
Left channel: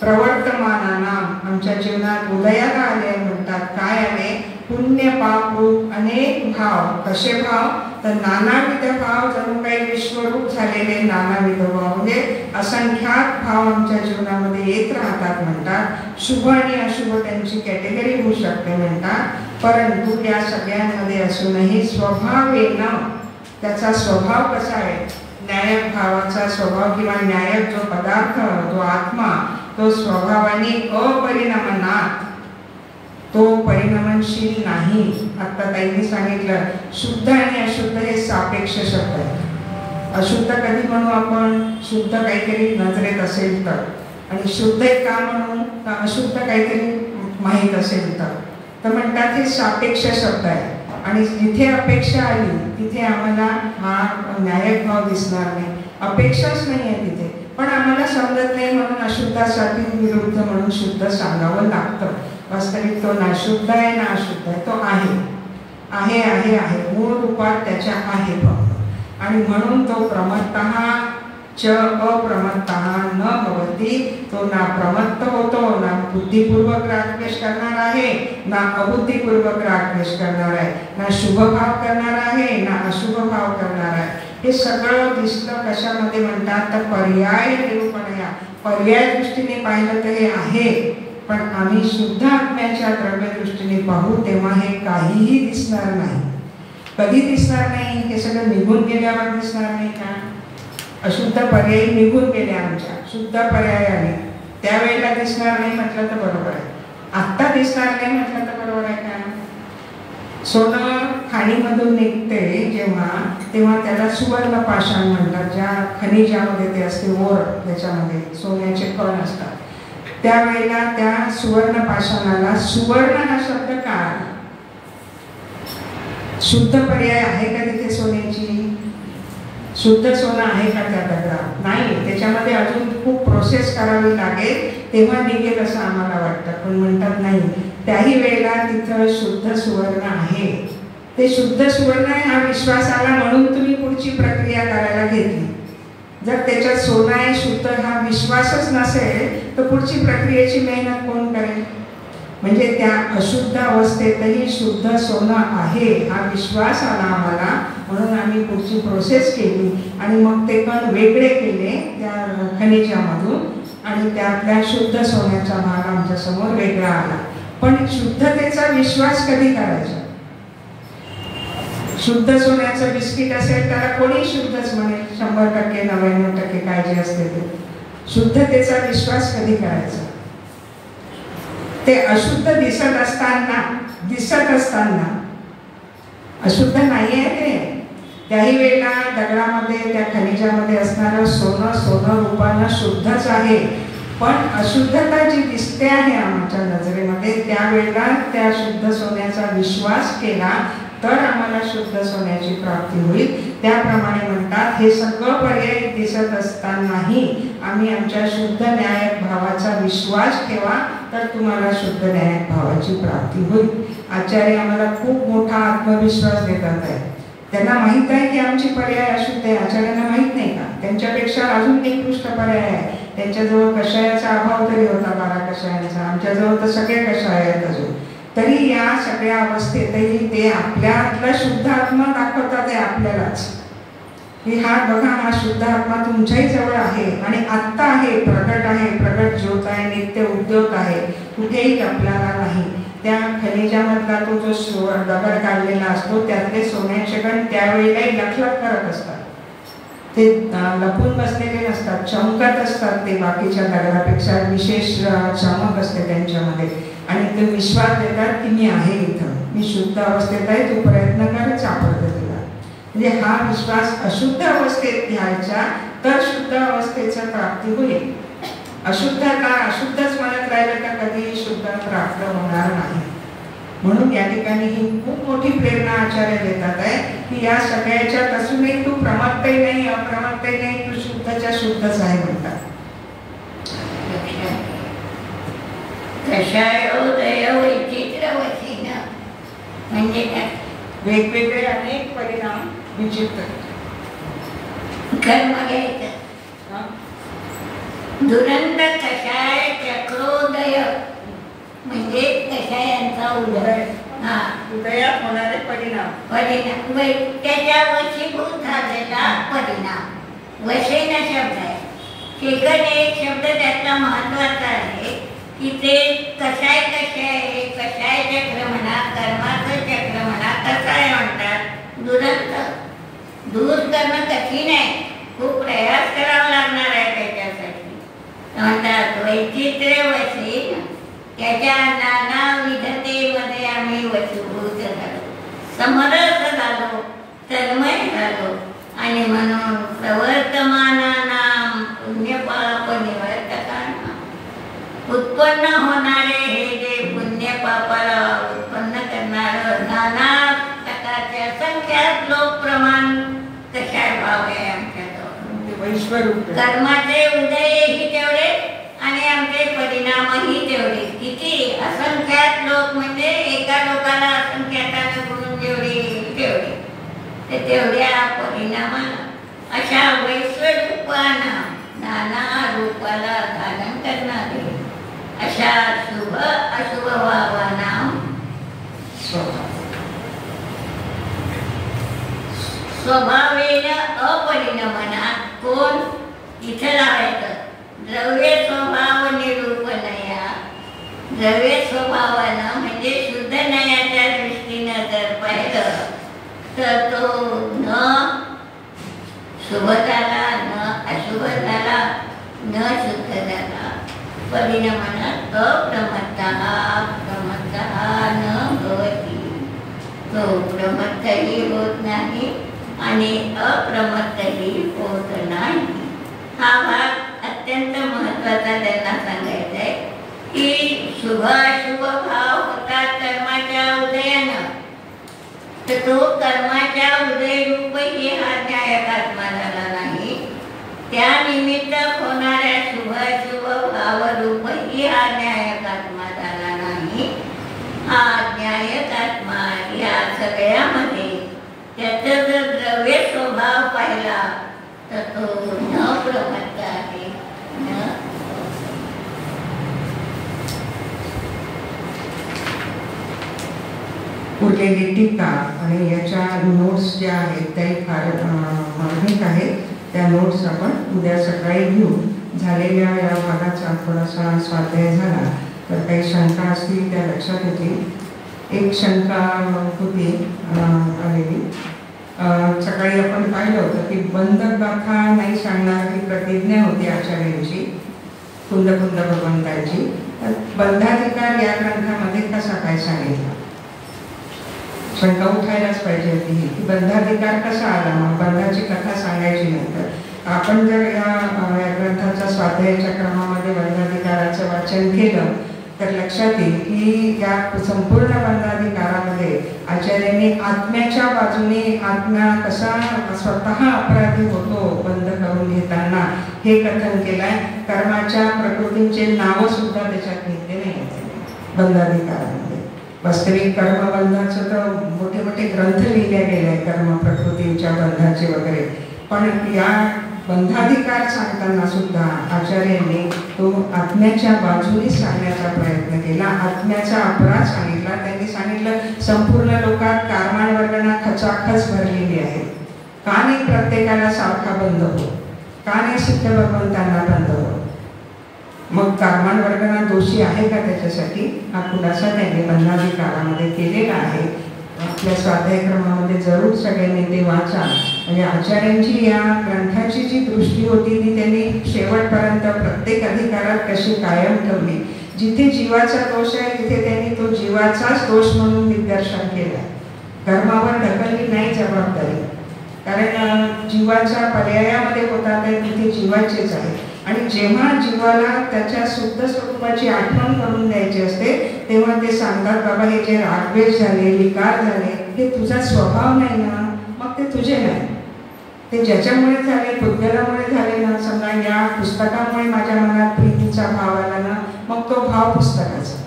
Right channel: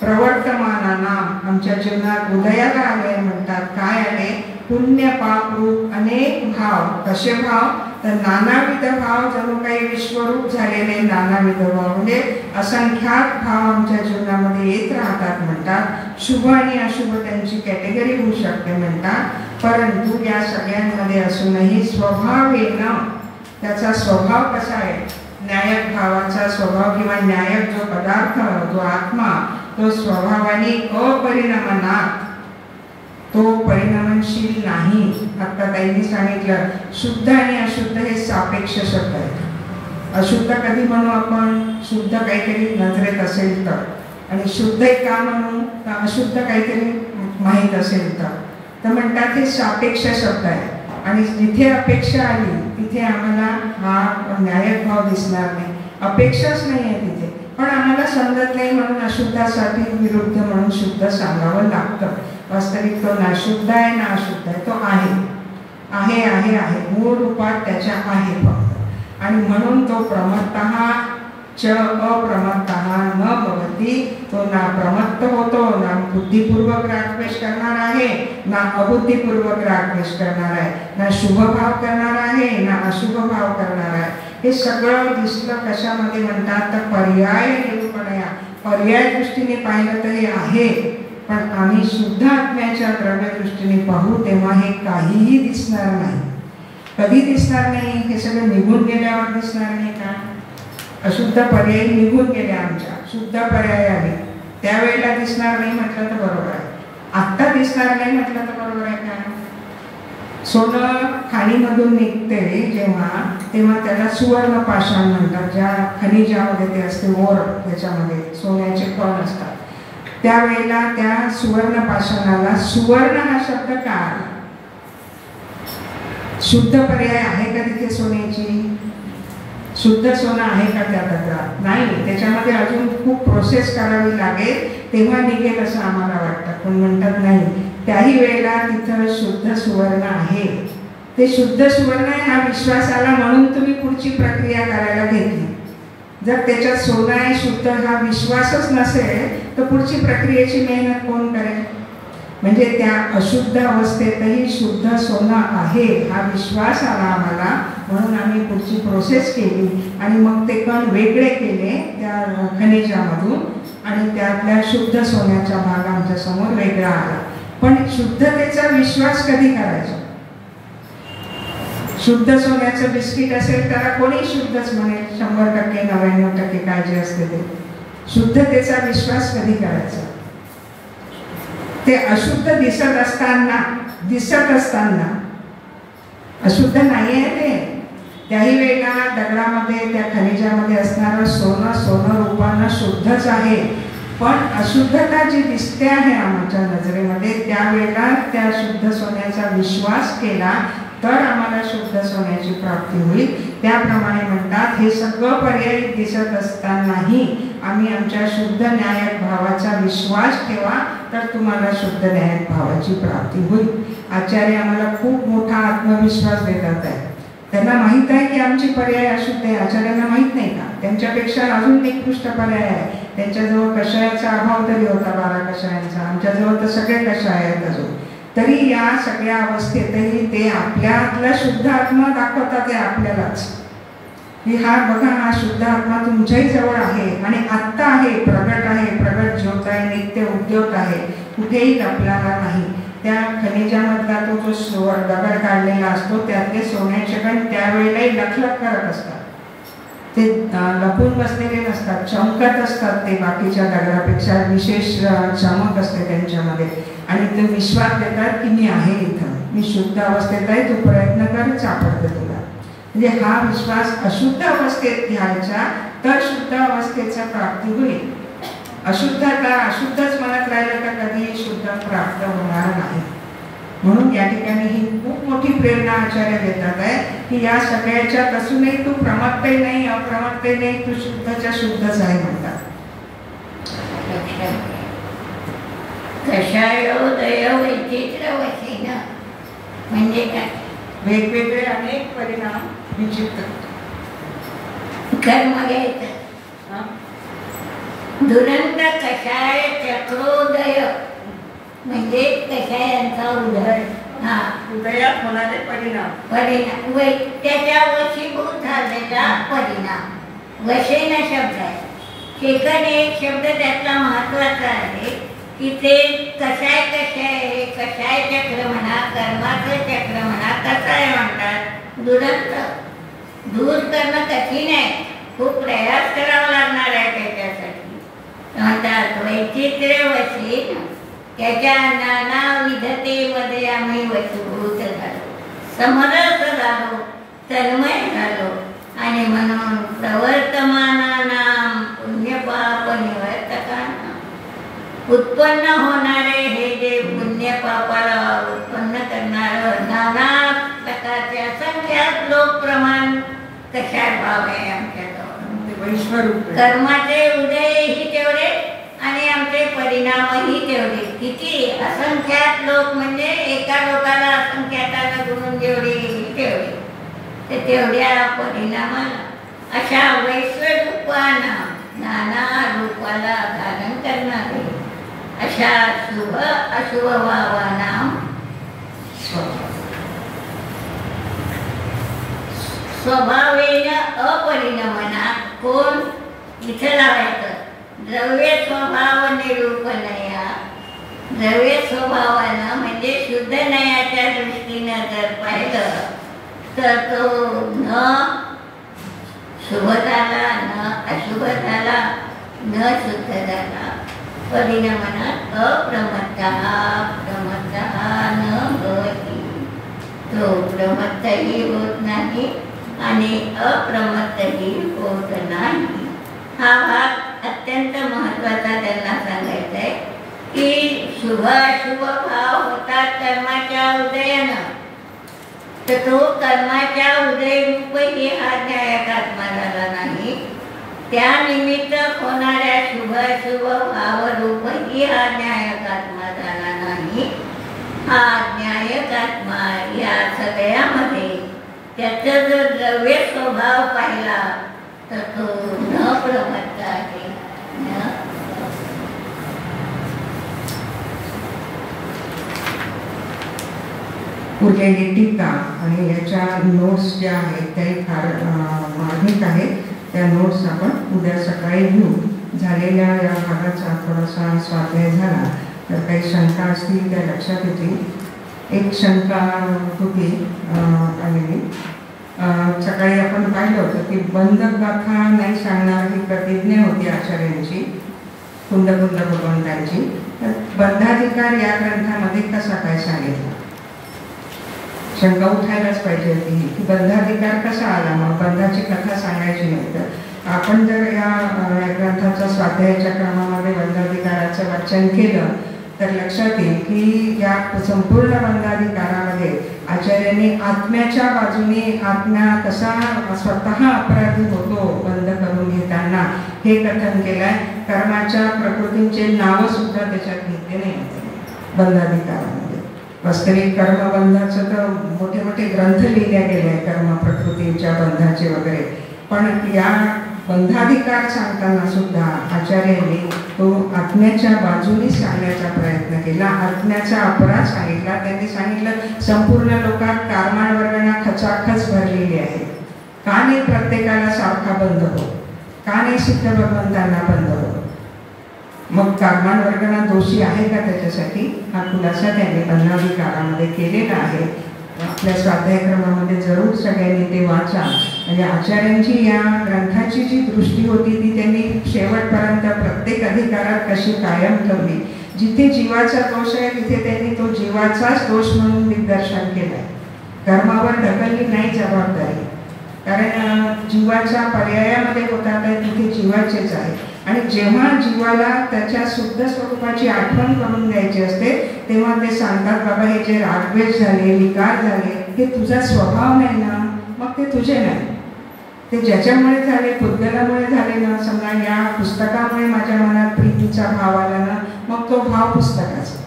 प्रवर्तमानानाम आमच्या जीवनात उदयाला आले. म्हणतात काय आले, पुण्य पाप रूप अनेक भाव. कसे भाव तर नानाविध भाव, जणू काही विश्वरूप झालेले नानाविध भाव म्हणजे असंख्यात भाव आमच्या जीवनामध्ये येत राहतात. म्हणतात शुभ आणि अशुभ त्यांची कॅटेगरी होऊ शकते म्हणतात. परंतु या सगळ्यांमध्ये असूनही स्वभावेनं त्याचा स्वभाव कसा आहे, न्यायक भावाचा स्वभाव किंवा न्यायक जो पदार्थ जो आत्मा तो स्वभावाने अपरिणामनात, तो परिणामशील नाही. आता ताईंनी सांगितलं शुद्ध आणि अशुद्ध हे सापेक्ष शब्द आहेत. अशुद्ध कधी म्हणू आपण, शुद्ध काहीतरी नजरेत असेल तर, आणि शुद्ध का म्हणू तर अशुद्ध काहीतरी माहीत असेल तर. तर म्हणतात हे सापेक्ष शब्द आहे. आणि जिथे अपेक्षा आली तिथे आम्हाला हा न्यायक भाव दिसणार नाही. अपेक्षाच नाही आहे तिथे, पण आम्हाला समजत नाही म्हणून अशुद्धासाठी विरुद्ध म्हणून शुद्ध सांगावं लागतं. वास्तविक तो ना शुद्ध आहे ना अशुद्ध आहे, तो आहे आहे आहे आहे मूळ रूपात त्याच्या आहे फक्त. आणि म्हणून तो प्रमत्तः च अप्रमत्तः न भवती. तो ना प्रमत्त होतो, ना बुद्धिपूर्वक रागद्वेष करणार आहे, ना अबुद्धिपूर्वक रागद्वेष करणार आहे, ना शुभ भाव करणार आहे, ना अशुभ भाव करणार आहे. हे सगळं दिसलं कशामध्ये म्हणतात तर पर्याय निरूपणया. पर्याय दृष्टीने पाहिलं तर हे आहे, पण आम्ही शुद्ध आत्म्याच्या द्रव्य दृष्टीने पाहू तेव्हा हे काहीही दिसणार नाही. कधी दिसणार नाही, हे सगळं निघून गेल्यावर दिसणार नाही का. अशुद्ध पर्याय निघून गेले आमच्या, शुद्ध पर्याय आले त्यावेळेला दिसणार नाही म्हटलं तर बरोबर आहे. आत्ता दिसणार नाही म्हटलं तर बरोबर आहे का. सोनं खाणीमधून निघते जेव्हा, तेव्हा त्याला सुवर्ण पाषाण म्हणतात. ज्या खनिजामध्ये ते असते ओर, त्याच्यामध्ये सोन्याचे कण असतात, त्यावेळेला त्या सुवर्ण पाषाणाला सुवर्ण हा शब्द का आला. शुद्ध पर्याय आहे का तिथे सोन्याची, शुद्ध सोनं आहे का त्या दगडात, नाही. त्याच्यामध्ये अजून खूप प्रोसेस करावी लागेल तेव्हा निघेल असं आम्हाला वाटतं. पण म्हणतात नाही, त्याही वेळेला तिथं शुद्ध सुवर्ण आहे. ते शुद्ध सुवर्ण आहे हा विश्वास आला म्हणून तुम्ही पुढची प्रक्रिया करायला घेतली. जर त्याच्यात सोनं आहे शुद्ध हा विश्वासच नसेल तर पुढची प्रक्रियेची मेहनत कोण करेल. म्हणजे त्या अशुद्ध अवस्थेतही शुद्ध सोनं आहे हा विश्वास आला आम्हाला, म्हणून आम्ही पुढची प्रोसेस केली आणि मग ते कण वेगळे केले त्या खनिजामधून आणि त्यातल्या शुद्ध सोन्याचा भाग आमच्या समोर वेगळा आला. पण शुद्धतेचा विश्वास कधी करायचा? शुद्ध सोन्याचं बिस्किट असेल त्याला कोणी शुद्धच म्हणेल, 100%, 99% काय जे असते ते. शुद्धतेचा विश्वास कधी करायचा? ते अशुद्ध दिसत असताना अशुद्ध नाही आहे ते. त्याही वेळेला दगडामध्ये त्या खनिजामध्ये असणारं सोनं रूपानं शुद्धच आहे. पण अशुद्धता जी दिसते आहे आमच्या नजरेमध्ये त्यावेळेला त्या शुद्ध सोन्याचा विश्वास केला तर आम्हाला शुद्ध सोन्याची प्राप्ती होईल. त्याप्रमाणे म्हणतात हे सगळं पर्याय दिसत असतानाही आम्ही आमच्या शुद्ध न्यायक भावाचा विश्वास ठेवा तर तुम्हाला शुद्ध न्यायक भावाची प्राप्ती होईल. आचार्य आम्हाला खूप मोठा आत्मविश्वास देतात आहे. त्यांना माहीत आहे की आमची पर्याय अशुद्ध आहे. आचार्यांना माहीत नाही का? त्यांच्यापेक्षा अजून निकृष्ट पर्याय आहे. त्यांच्याजवळ कषायाचा अभाव तरी होता, 12 कषायांचा. आमच्याजवळ तर सगळे कषाय आहेत अजून. तरी या सगळ्या अवस्थेतही ते आपल्यातला शुद्ध आत्मा दाखवतात आहे आपल्यालाच की हा बघा हा शुद्ध आत्मा तुमच्याही जवळ आहे आणि आत्ता आहे, प्रगट ज्योत आहे, नित्य उद्योत आहे, कुठेही लपलेला नाही. त्या खनिजामधला तो जो दगड काढलेला असतो त्यातले सोन्याचे कण त्यावेळेलाही लखलख करत असतात. ते लपून बसलेले नसतात, चमकत असतात. ते बाकीच्या दगडापेक्षा विशेष चमक असते त्यांच्यामध्ये आणि ते विश्वास देतात की मी आहे इथं, मी शुद्ध अवस्थेत आहे, तू प्रयत्न कर, सापडतं तुला. म्हणजे हा विश्वास अशुद्ध अवस्थेत घ्यायचा तर शुद्ध अवस्थेचं प्राप्ती होईल. अशुद्धच मनात राहिलं तर कधीही शुद्ध प्राप्त होणार नाही. म्हणून या ठिकाणी ही खूप मोठी प्रेरणा आचार्य देतात आहे की या सगळ्याच्यात असूनही तू प्रमादही नाही, अप्रमादही नाही, तू शुद्धच्या शुद्धच आहे म्हणतात. कषायोदय वैचित्र वशीन म्हणजे काय? वेगवेगळे अनेक परिणाम विचित्र. कर्म घ्यायचं. दुरंत कषाय चक्रोदय म्हणजे कषायांचा उदय. उदयात होणारे परिणाम त्याच्या वशीभूत झालेला परिणाम. वशेन शब्द आहे. शेकड एक शब्द त्याचा महत्वाचा आहे की ते कषाय चक्र म्हणा, कर्माचं चक्र म्हणा, कषाय म्हणतात. दुरंत दूर करणं कठीण आहे, खूप प्रयास करावा लागणार आहे त्याच्यासाठी. म्हणतात वैचित्र्य वशीन त्याच्या नाना विधतेमध्ये आम्ही वशीभूत झालो, समरस झालो, तन्मय झालो आणि म्हणून प्रवर्तमानानां पुण्यपाप निवर्तकांना उत्पन्न होणारे हे जे पुण्य पापाला उत्पन्न करणारं नाना प्रकारचे असंख्यात लोक प्रमाण कशात भाव आहे आमच्याजवळ. कर्माचे उदयही तेवढे आणि आमचे परिणामही तेवढे. किती असंख्यात लोक म्हणजे एका लोकाला असंख्यातानं गुणून जेवढे तेवढे ते तेवढ्या परिणामाला अशा वैश्वरूपानं नाना रूपाला धारण करणारे अशा शुभ अशुभ भावानां स्वभावेन अपरिणमनात. कोण इथं लावायचं? द्रव्य स्वभाव निरूपणया. द्रव्य स्वभावानं म्हणजे शुद्ध नयाच्या दृष्टीनं जर पाहिलं तर तो न शुभ झाला, न अशुभ झाला, न शुद्ध झाला. परिणमनात अप्रमत्तः न भवति. तो प्रमत्तही होत नाही आणि अप्रमत्तही होत नाही. हा भाग अत्यंत महत्त्वाचा त्यांना सांगायचा आहे की शुभ अशुभ भाव होतात कर्माच्या उदयानं. तर तो कर्माच्या उदयरूपही हा न्यायक आत्मा झाला नाही. त्या निमित्त होणाऱ्या शुभ अशुभ भावरूपही हा न्यायक आत्मा झाला नाही. हा न्यायक आत्मा या सगळ्यामध्ये त्याचा जर द्रव्य स्वभाव पाहिला तर तो न प्रमत्त आहे. उरलेली टीका आणि याच्या नोट्स ज्या आहेत त्याही फार मार्मिक आहेत. त्या नोट्स आपण उद्या सकाळी घेऊ. झालेल्या या भागाचा थोडासा स्वाध्याय झाला तर काही शंका असतील त्या लक्षात येतील. एक शंका होती आलेली. सकाळी आपण पाहिलं होतं की बंधगाथा नाही सांगणार ही प्रतिज्ञा होती आचार्यांची, कुंद भगवंतांची. तर बंधाधिकार या ग्रंथामध्ये कसा काय सांगितला? शंका उठायलाच पाहिजे होती की बंधाधिकार कसा आला, मग बंधाची कथा सांगायची नाही. तर आपण जर या ग्रंथाच्या स्वाध्यायाच्या क्रमामध्ये बंधाधिकाराचं वाचन केलं तर लक्षात येईल की या संपूर्ण बंधाधिकारामध्ये आचार्यांनी आत्म्याच्या बाजूने आत्मा कसा स्वतः अपराधी होतो बंध करून घेताना हे कथन केलंय. कर्माच्या प्रकृतींचे नावं सुद्धा त्याच्यात घेतले नाही बंधाधिकारामध्ये. वास्तविक कर्मबंधाचं तर मोठे मोठे ग्रंथ लिहिले गेले आहे कर्म प्रकृतींच्या बंधाचे वगैरे, पण या बंधाधिकार सांगताना सुद्धा आचार्यांनी तो आत्म्याच्या बाजूने सांगण्याचा प्रयत्न केला. आत्म्याचा अपराध सांगितला. त्यांनी सांगितलं संपूर्ण लोकात कारमाण वर्गणा खचाखच भरलेली आहे. का नाही प्रत्येकाला सारखा बंध हो? का नाही सिद्ध भगवंतांना बंध हो? मग कारमाण वर्गणा दोषी आहे का त्याच्यासाठी? हा खुलासा त्यांनी बंधाधिकारामध्ये केलेला आहे. आपल्या स्वाध्यायक्रमामध्ये जरूर सगळ्यांनी ते वाचा. म्हणजे आचार्यांची या ग्रंथाची जी दृष्टी होती ती त्यांनी शेवटपर्यंत प्रत्येक अधिकारात कशी कायम ठेवली. जिथे जीवाचा दोष आहे तिथे त्यांनी तो जीवाचाच दोष म्हणून निदर्शन केलं. कर्मावर ढकलली नाही जबाबदारी, कारण जीवाच्या पर्यायामध्ये होता तर तिथे जीवाचेच आहे. आणि जेव्हा जीवाला त्याच्या शुद्ध स्वरूपाची आठवण करून द्यायची असते तेव्हा ते सांगतात बाबा हे जे रागद्वेष झाले, विकार झाले हे तुझा स्वभाव नाही ना, मग ते तुझे नाही. ते ज्याच्यामुळे झाले, पुद्गलामुळे झाले ना. समजा या पुस्तकामुळे माझ्या मनात प्रीतीचा भाव आला ना, मग तो भाव पुस्तकाचा.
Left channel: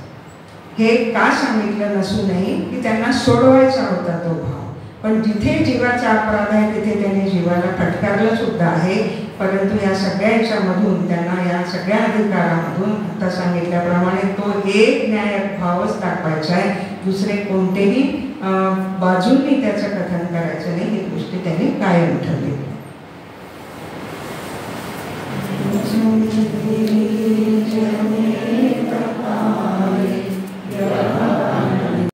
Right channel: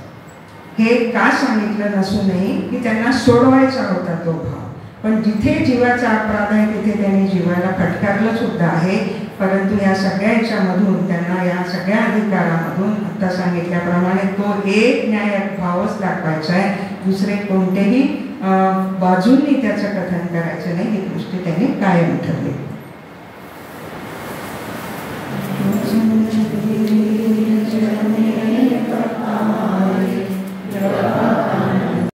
हे का सांगितलं नसूनही की त्यांना सोडवायचा होता तो भाव. पण जिथे जीवाचा अपराध आहे तिथे त्यांनी जीवाला फटकारलं सुद्धा आहे. परंतु या सगळ्याच्या मधून त्यांना या सगळ्या अधिकारामधून आता सांगितल्याप्रमाणे तो एक न्यायक भावच दाखवायचा आहे. दुसरे कोणतेही बाजूंनी त्याचं कथन करायचं नाही ही दृष्टी त्यांनी कायम ठेवली.